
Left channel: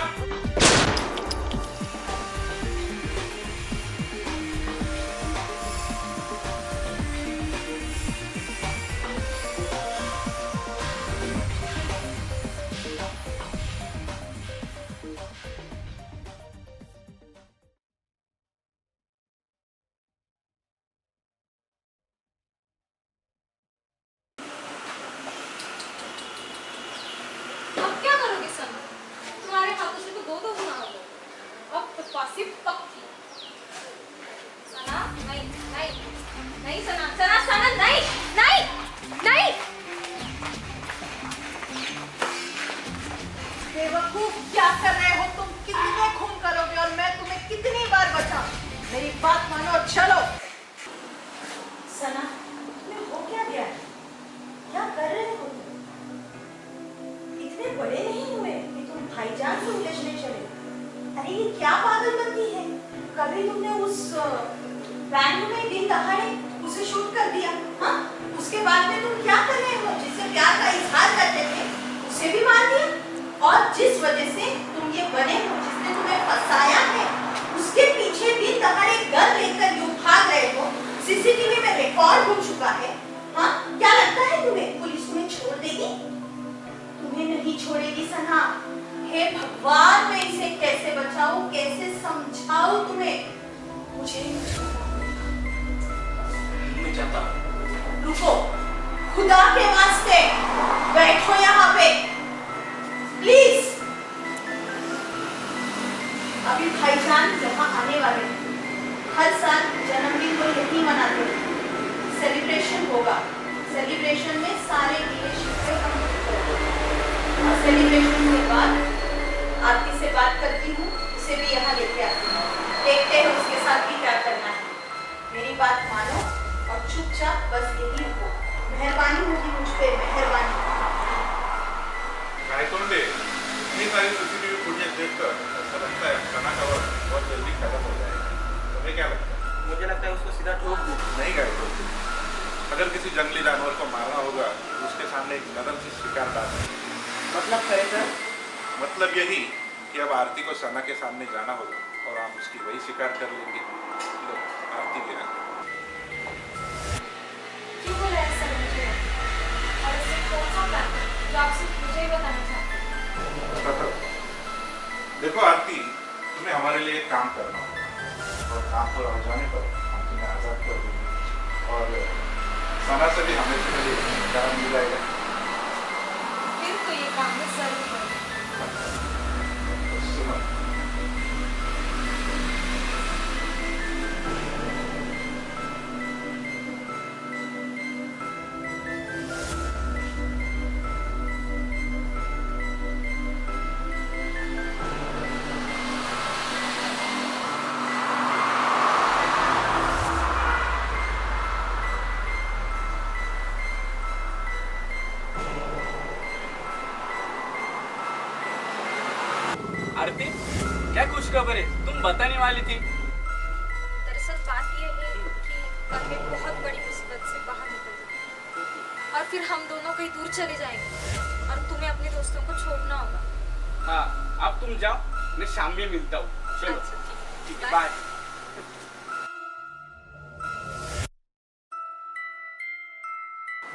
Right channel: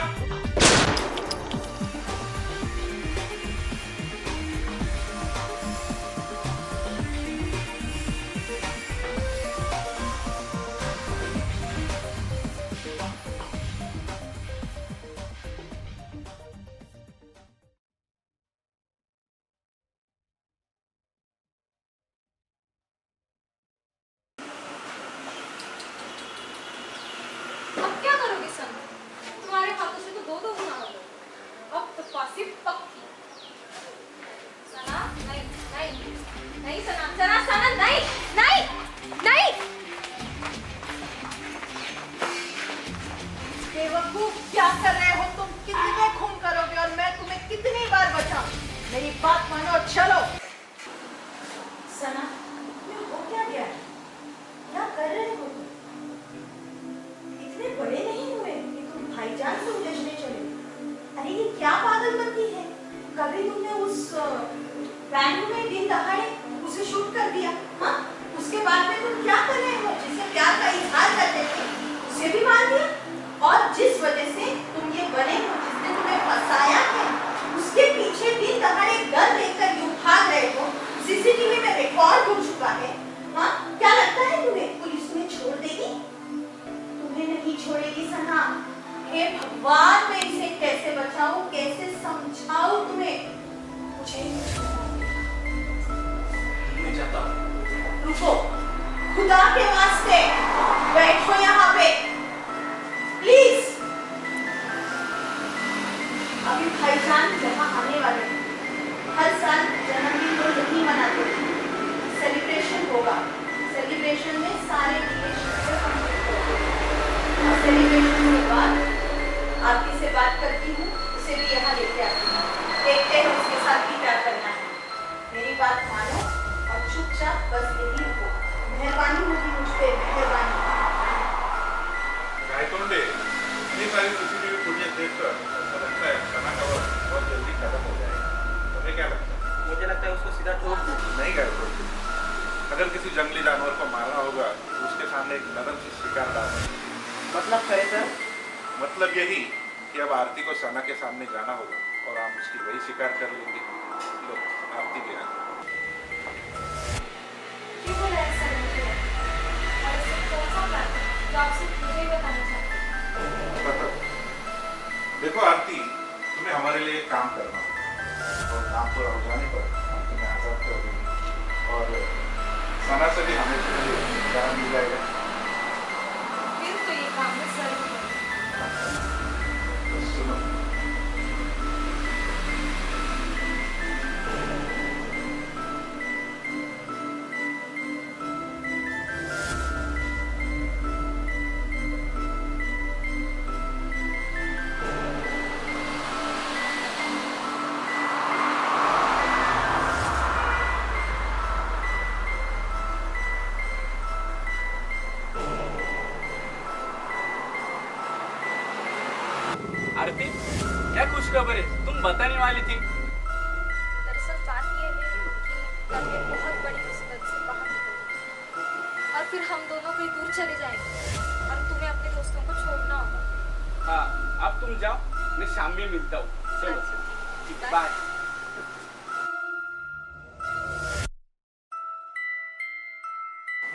अब क्या करोगे सना? तुम्हारे हाथों से तो 2-2 गुना हो गए। अब तो फांसी पक्की। सना, नहीं, नहीं, नहीं सना, सना, सना, नहीं, नहीं, नहीं। बेवकूफ, क्या कर रहे हो तुम? कितने खून करोगे और मैं तुम्हें कितनी बार बचाऊं? मेरी बात मानो और चलो। सना, तुम्हें हो क्या गया है? क्या कर रहे हो तुम? इतने बड़े नहीं हुए कि तुम भाईजान से उलझने चले। अरे ये क्या पागलपंती है? कभी तुमने उस बैंक में दिन दहाड़े उसे शूट कर दिया, हाँ? उसके बाद में तुम क्या कर रहे हो? जिससे प्यार का इजहार करते थे उसे भी मार दिया। और जिस वजह से तुम ये बने हो, जिसने तुम्हें फंसाया है, उसके पीछे दिन दहाड़े गन लेकर यूं भाग रहे हो, सीसीटीवी में रिकॉर्ड हो चुका है। हाँ, क्या लगता है तुम्हें पुलिस तुम्हें छोड़ देगी? हे भगवान, मैं इसे कैसे बचाऊं, कैसे समझाऊं तुम्हें? मुझे मैं जाता हूँ। रुको, खुदा के वास्ते बैठो यहाँ पे प्लीज। अभी भाईजान यहाँ आने वाले हैं। हर साल जन्मदिन को यही मनाते हैं। सेलिब्रेशन होगा। सेलिब्रेशन में सारे गिले शिकवे हम दूर करेंगे। और सेलिब्रेशन के बाद आरती से बात करती हूँ, उसे भी यहाँ लेके आती हूँ। देखते हैं उसके साथ भी क्या करना है। मेरी बात मानो और चुपचाप बस यही रुको। मेहरबानी होगी मुझ पे, मेहरबानी। गायतोंडे, इतनी सारी सीसीटीवी फुटेज देखकर ऐसा लगता है सना का वक्त बहुत जल्दी खत्म हो जाएगा। तुम्हें क्या लगता है? मुझे लगता है उसको सीधा ठोक दूं। नहीं गायतोंडे, अगर किसी जंगली जानवर को मारना होगा तो उसके सामने एक नरम सी शिकार डालना है। मतलब करे सर? मतलब यही कि अब आरती को सना के सामने जाना होगा और हम उसकी वही शिकार कर लेंगे। लो, आरती भी आ गई। क्यों बोला है सर मुझे? और इससे कौन सा प्लान है जो आप सिर्फ मुझे ही बताना चाहते हैं? बताओ। देखो आरती, तुम्हें हमारे लिए एक काम करना होगा और काम पूरा हो जाने पर हम तुम्हें आजाद कर देंगे और सना से भी हमेशा के लिए प्यार मिल जाएगा। फिर तो ये काम में जरूर करें। तो सुनो, आरती, क्या खुशखबर है? तुम बताने वाली थी। दरअसल बात यह है कि कल मैं बहुत बड़ी मुसीबत से बाहर निकल गई और फिर हम दोनों कहीं दूर चले जाएंगे और तुम्हें अपने दोस्तों को छोड़ना होगा। हाँ, अब तुम जाओ, मैं शाम में मिलता हूँ। चलो। अच्छा, ठीक है, बाय। बाय।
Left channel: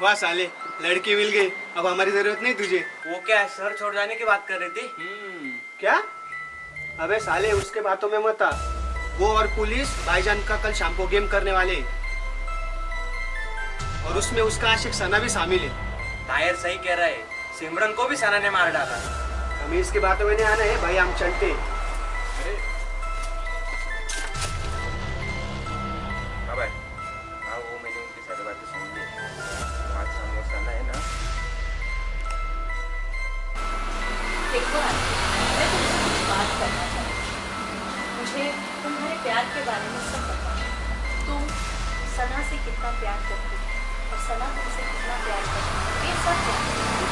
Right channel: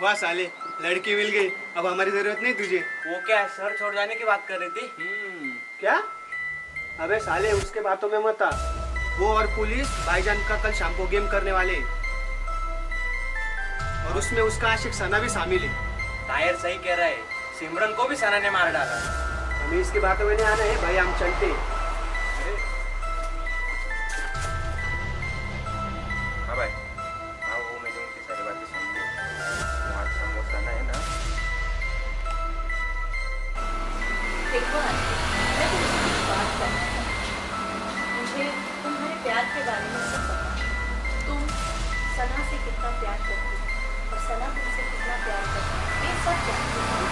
वाह साले, लड़की मिल गई। अब हमारी जरूरत नहीं तुझे। वो क्या है, शहर छोड़ जाने की बात कर रही थी? क्या? अबे साले, उसके बातों में मत आ। वो और पुलिस भाईजान का कल शाम को गेम करने वाले हैं। और उसमें उसका आशिक सना भी शामिल है। तायर सही कह रहा है, सिमरन को भी सना ने मार डाला। हमें इसके बातों में नहीं आना है भाई, हम चलते। हाँ भाई, हाँ वो मैंने उनकी सारी बातें सुन ली। आज शाम वो सना है ना। देखो आंटी, मैं तुमसे कुछ बात करना चाहती हूँ। मुझे तुम्हारे प्यार के बारे में सब पता है। तुम सना से कितना प्यार करती हो और सना तुमसे कितना प्यार करती है, ये सब जानती हूँ।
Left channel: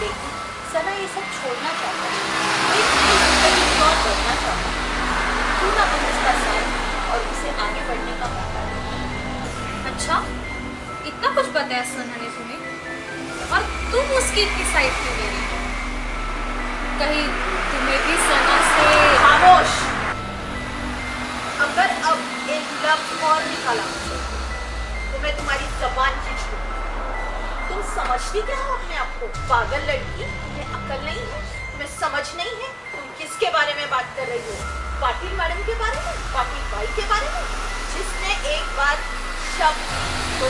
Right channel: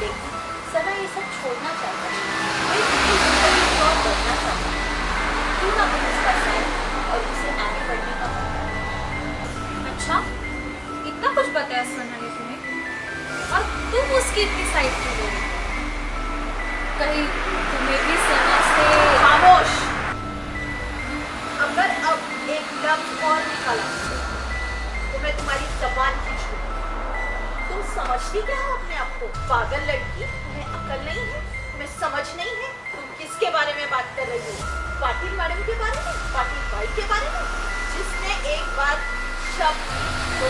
लेकिन सना ये सब छोड़ना चाहता है। वो एक नई जिंदगी की ओर बढ़ना चाहता है। क्यों ना तुम उसका साथ और उसे आगे बढ़ने का मौका दो। अच्छा, इतना कुछ बताया सना ने तुम्हें और तुम उसकी इतनी साइड क्यों ले रही हो? कहीं तुम्हें भी सना से... खामोश। अगर अब एक लफ्ज और निकाला तो मैं तुम्हारी जबान खींच लूंगी। तुम समझती क्या हो अपने आप को? पागल लड़की, तुम्हें अकल नहीं है, तुम्हें समझ नहीं है। तुम किसके बारे में बात कर रही हो? पाटिल मैडम के बारे में? पाटिल भाई के बारे में? जिसने एक बार शब्द तो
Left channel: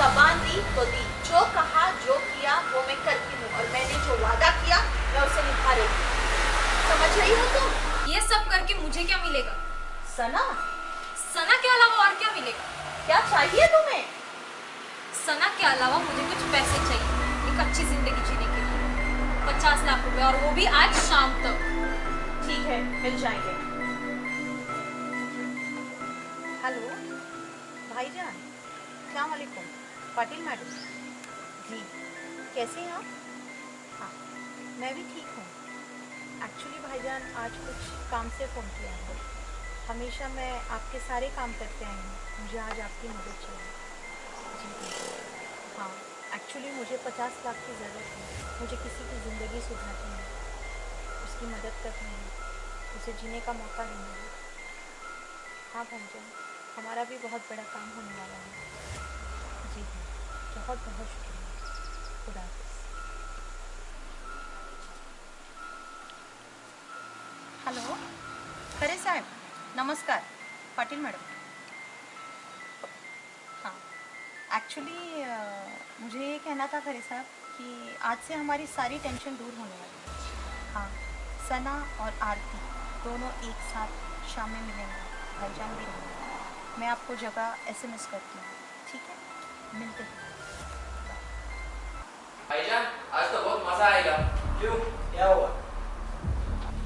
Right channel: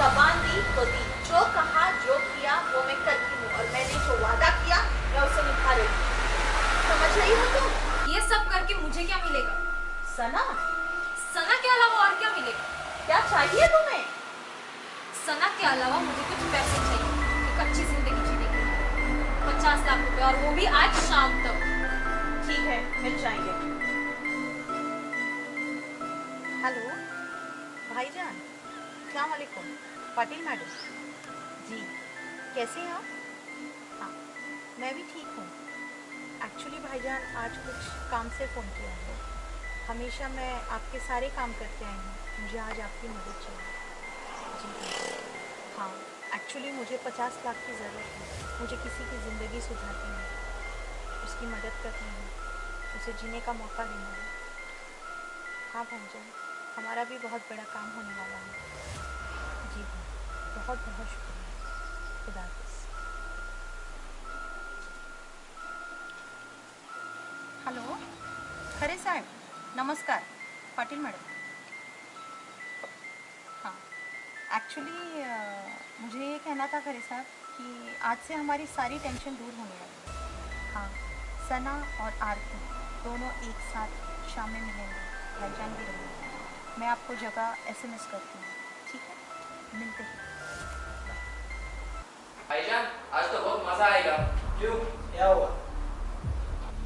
जबान दी तो दी। जो कहा, जो किया वो मैं करती हूँ और मैंने जो वादा किया मैं उसे निभा रही हूँ। समझ रही हो तुम? ये सब करके मुझे क्या मिलेगा? सना, सना के अलावा और क्या मिलेगा? क्या चाहिए तुम्हें? सना के अलावा मुझे कुछ पैसे चाहिए एक अच्छी जिंदगी जीने के लिए। 50 लाख रुपए, और वो भी आज शाम तक। ठीक है, मिल जाएंगे। हेलो भाईजान, अस्सलाम वालेकुम। पाटिल मैडम जी, कैसे हैं आप? हाँ, मैं भी ठीक हूँ। एक्चुअली भाईजान, आज कुछ काम से फ़ोन किया है। हमेशा मैं आपके सारे काम करते आई हूँ, मुझे आज आपकी मदद चाहिए। जी हाँ, एक्चुअली मुझे 50 लाख की ज़रूरत है। मुझे किसी की ज़िंदगी सुधारनी है, उसकी मदद करनी है, उसे जीने का मौका देना है। हाँ भाईजान, हमारा भी बहुत बड़ा काम होने वाला है। जी हाँ, बहुत बहुत शुक्रिया। खुदा हाफिज़। खरे साहब नमस्कार, पाटिल मैडम। हाँ, एक्चुअली मुझे ये कहना था खरे साहब कि आज से हमारी सारी टेंशन दूर होने वाली है। हाँ, सना और आरती दोनों एक साथ शाम में मिलेंगे, भाईजान भी रहेंगे। मैं आपको जगह SMS करती हूँ, ठीक है? मिलते हैं। भाईजान आज तो बहुत मजा आएगा। क्यों, क्या हुआ?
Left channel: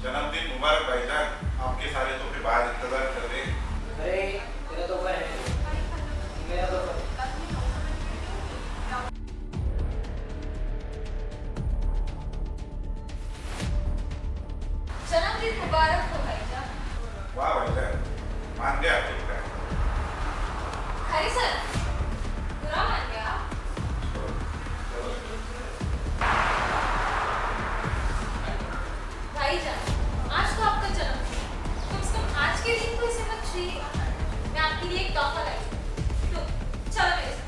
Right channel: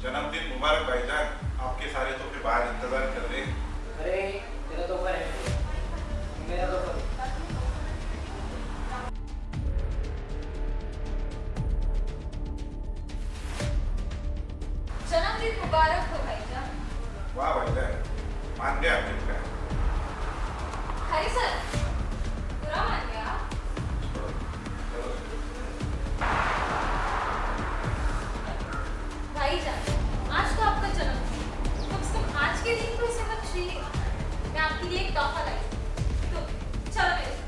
जन्मदिन मुबारक भाईजान, आपके सारे तोहफे बाहर इंतजार कर रहे हैं। अरे तेरा तोहफा है, मेरा तोहफा। जन्मदिन मुबारक हो भाईजान। वाह भाईजान, मान गया आपके प्लान। खरे सर, बुरा मान गया? भाईजान, आज तो आपका जन्मदिन, कम से कम आज के दिन तो इसे मत छुइए। मैं आपके लिए एक तोहफा लाई हूं। तो चलो मेरे साथ।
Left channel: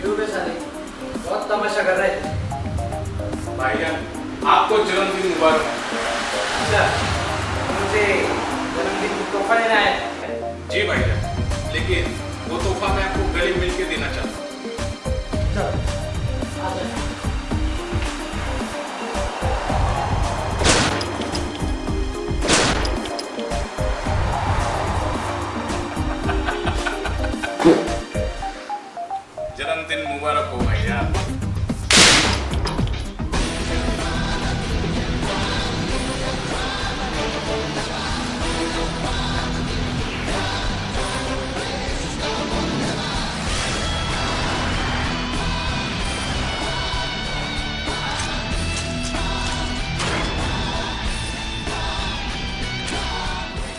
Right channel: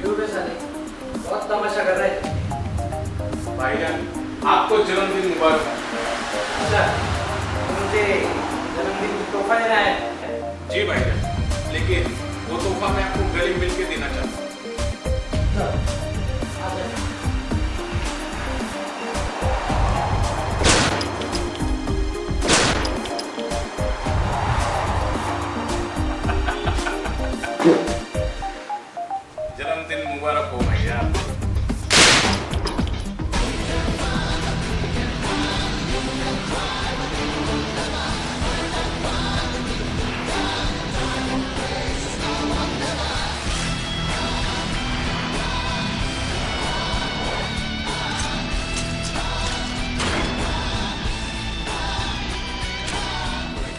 क्यों बे साले, बहुत तमाशा कर रहे थे। भाईजान आपको जन्मदिन मुबारक। अच्छा, मुझे जन्मदिन को तोहफा देना है। जी भाईजान, लेकिन वो तोहफा मैं आपको गले मिल के देना चाहता हूँ। चलो, आ जाओ। जन्मदिन मुबारक हो भाईजान।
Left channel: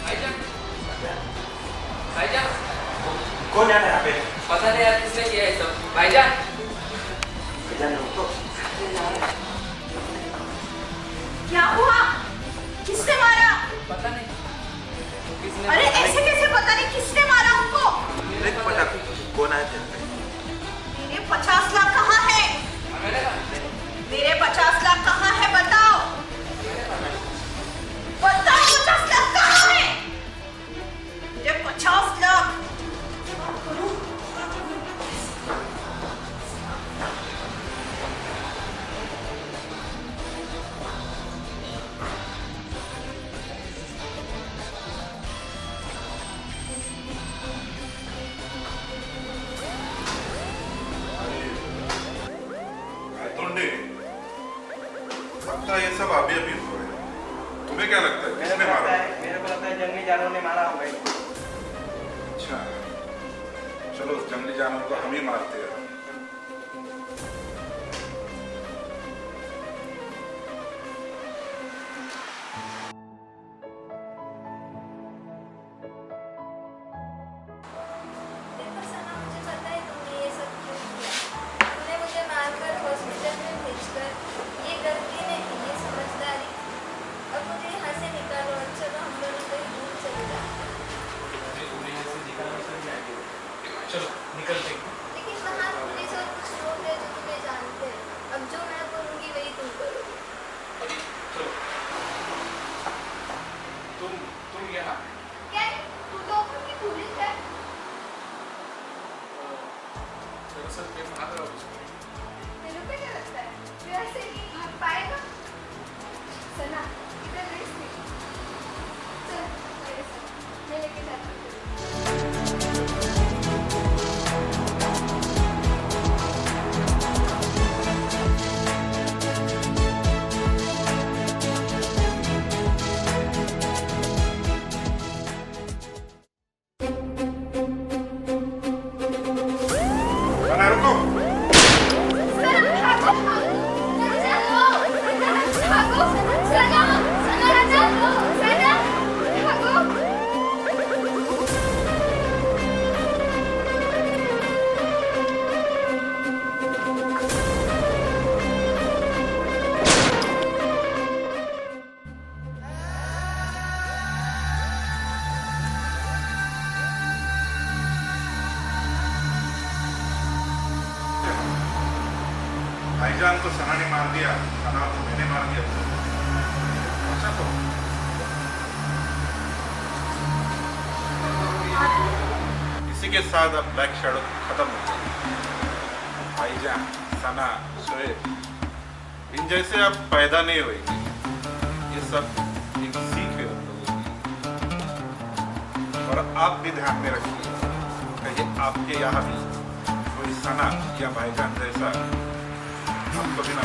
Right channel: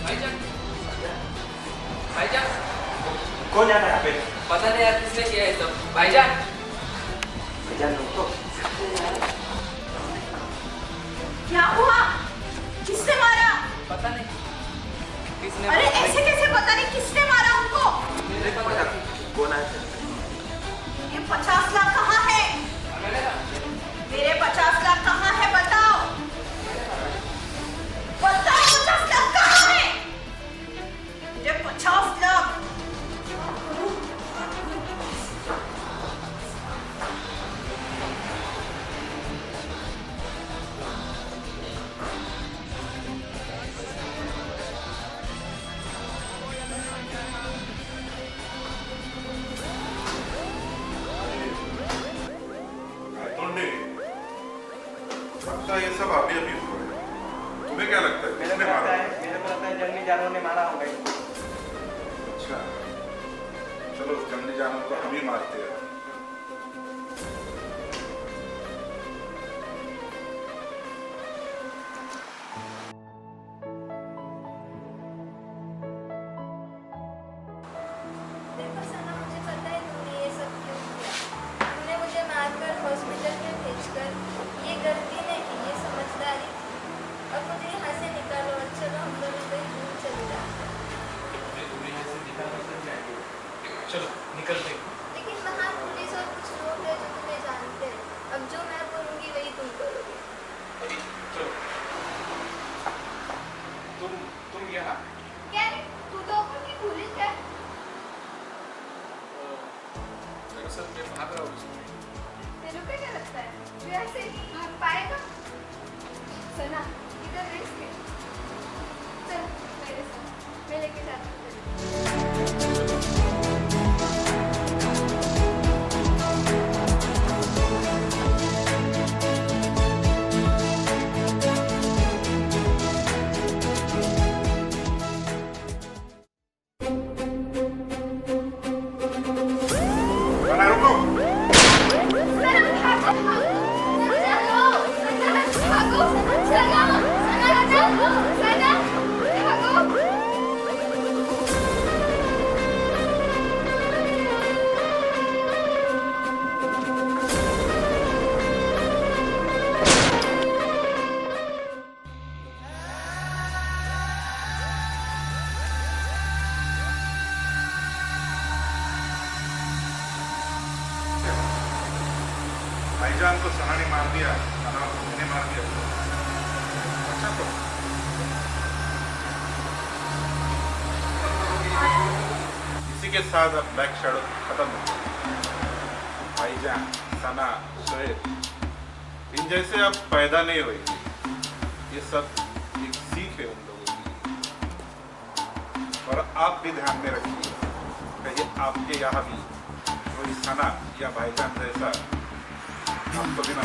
भाईजान भाईजान कौन जाता है यहाँ पे? पता नहीं यार किसने किया है सब। भाईजान भाईजान रुको। क्या हुआ? किसने मारा? पता नहीं किसने। अरे ऐसे कैसे पता नहीं किसने मारा उनको? मुझे पता कौन आया था? मेरे 50 लाख कहाँ है? मेरे 50 लाख कहाँ है बताओ? बताओ 50 लाख कहाँ है? मेरे 50 लाख। लगता है ये सब अभी अभी हुआ है। तुम्हें क्या लगता है किसने मारा? मेरे को लगता है जंगली जानवर ने मारा होगा इनको। अच्छा, चलो उस जंगली जानवर को हम ही मारते हैं। देखो सना, मुझे पता है तुमने ये सब क्यों किया। तुमने मुझे मारकर हॉस्पिटल में भेजकर, ये गलती नहीं, ये समझदारी थी। अब मुझे यहाँ से निकालो और चलो हम दोनों कहीं दूर चले जाते हैं। चलो निकलते हैं। लेकिन वहाँ पुलिस और कुछ लोग हैं जो तुम्हें जानते हैं। अब जो मैं करूँगी वही तुम करोगे। चलो तुम यहाँ। क्या है? तू तो अपनी पुलिस है। दरअसल मैं भाग रहा हूँ। तेरे को क्या लगता है तू ऐसे भाग पाएगा? सना, इधर रिस्क है। चल मेरे साथ, मैं लेके जाता हूँ तेरे को। सना रुको। भाईजान को सना ने मार दिया, सना को मैंने मार दिया, अच्छा तो इसी के साथ अब ब्लैक शैडो खत्म हो गया। भाईजान, सना, शोएब इन जैसे अब पैदा नहीं होंगे। ये सब एक सीख है उन लोगों की। और आप भी ध्यान में रखिए, कहीं आपके यहाँ भी कोई सना या भाईजान जैसा आपको भी ना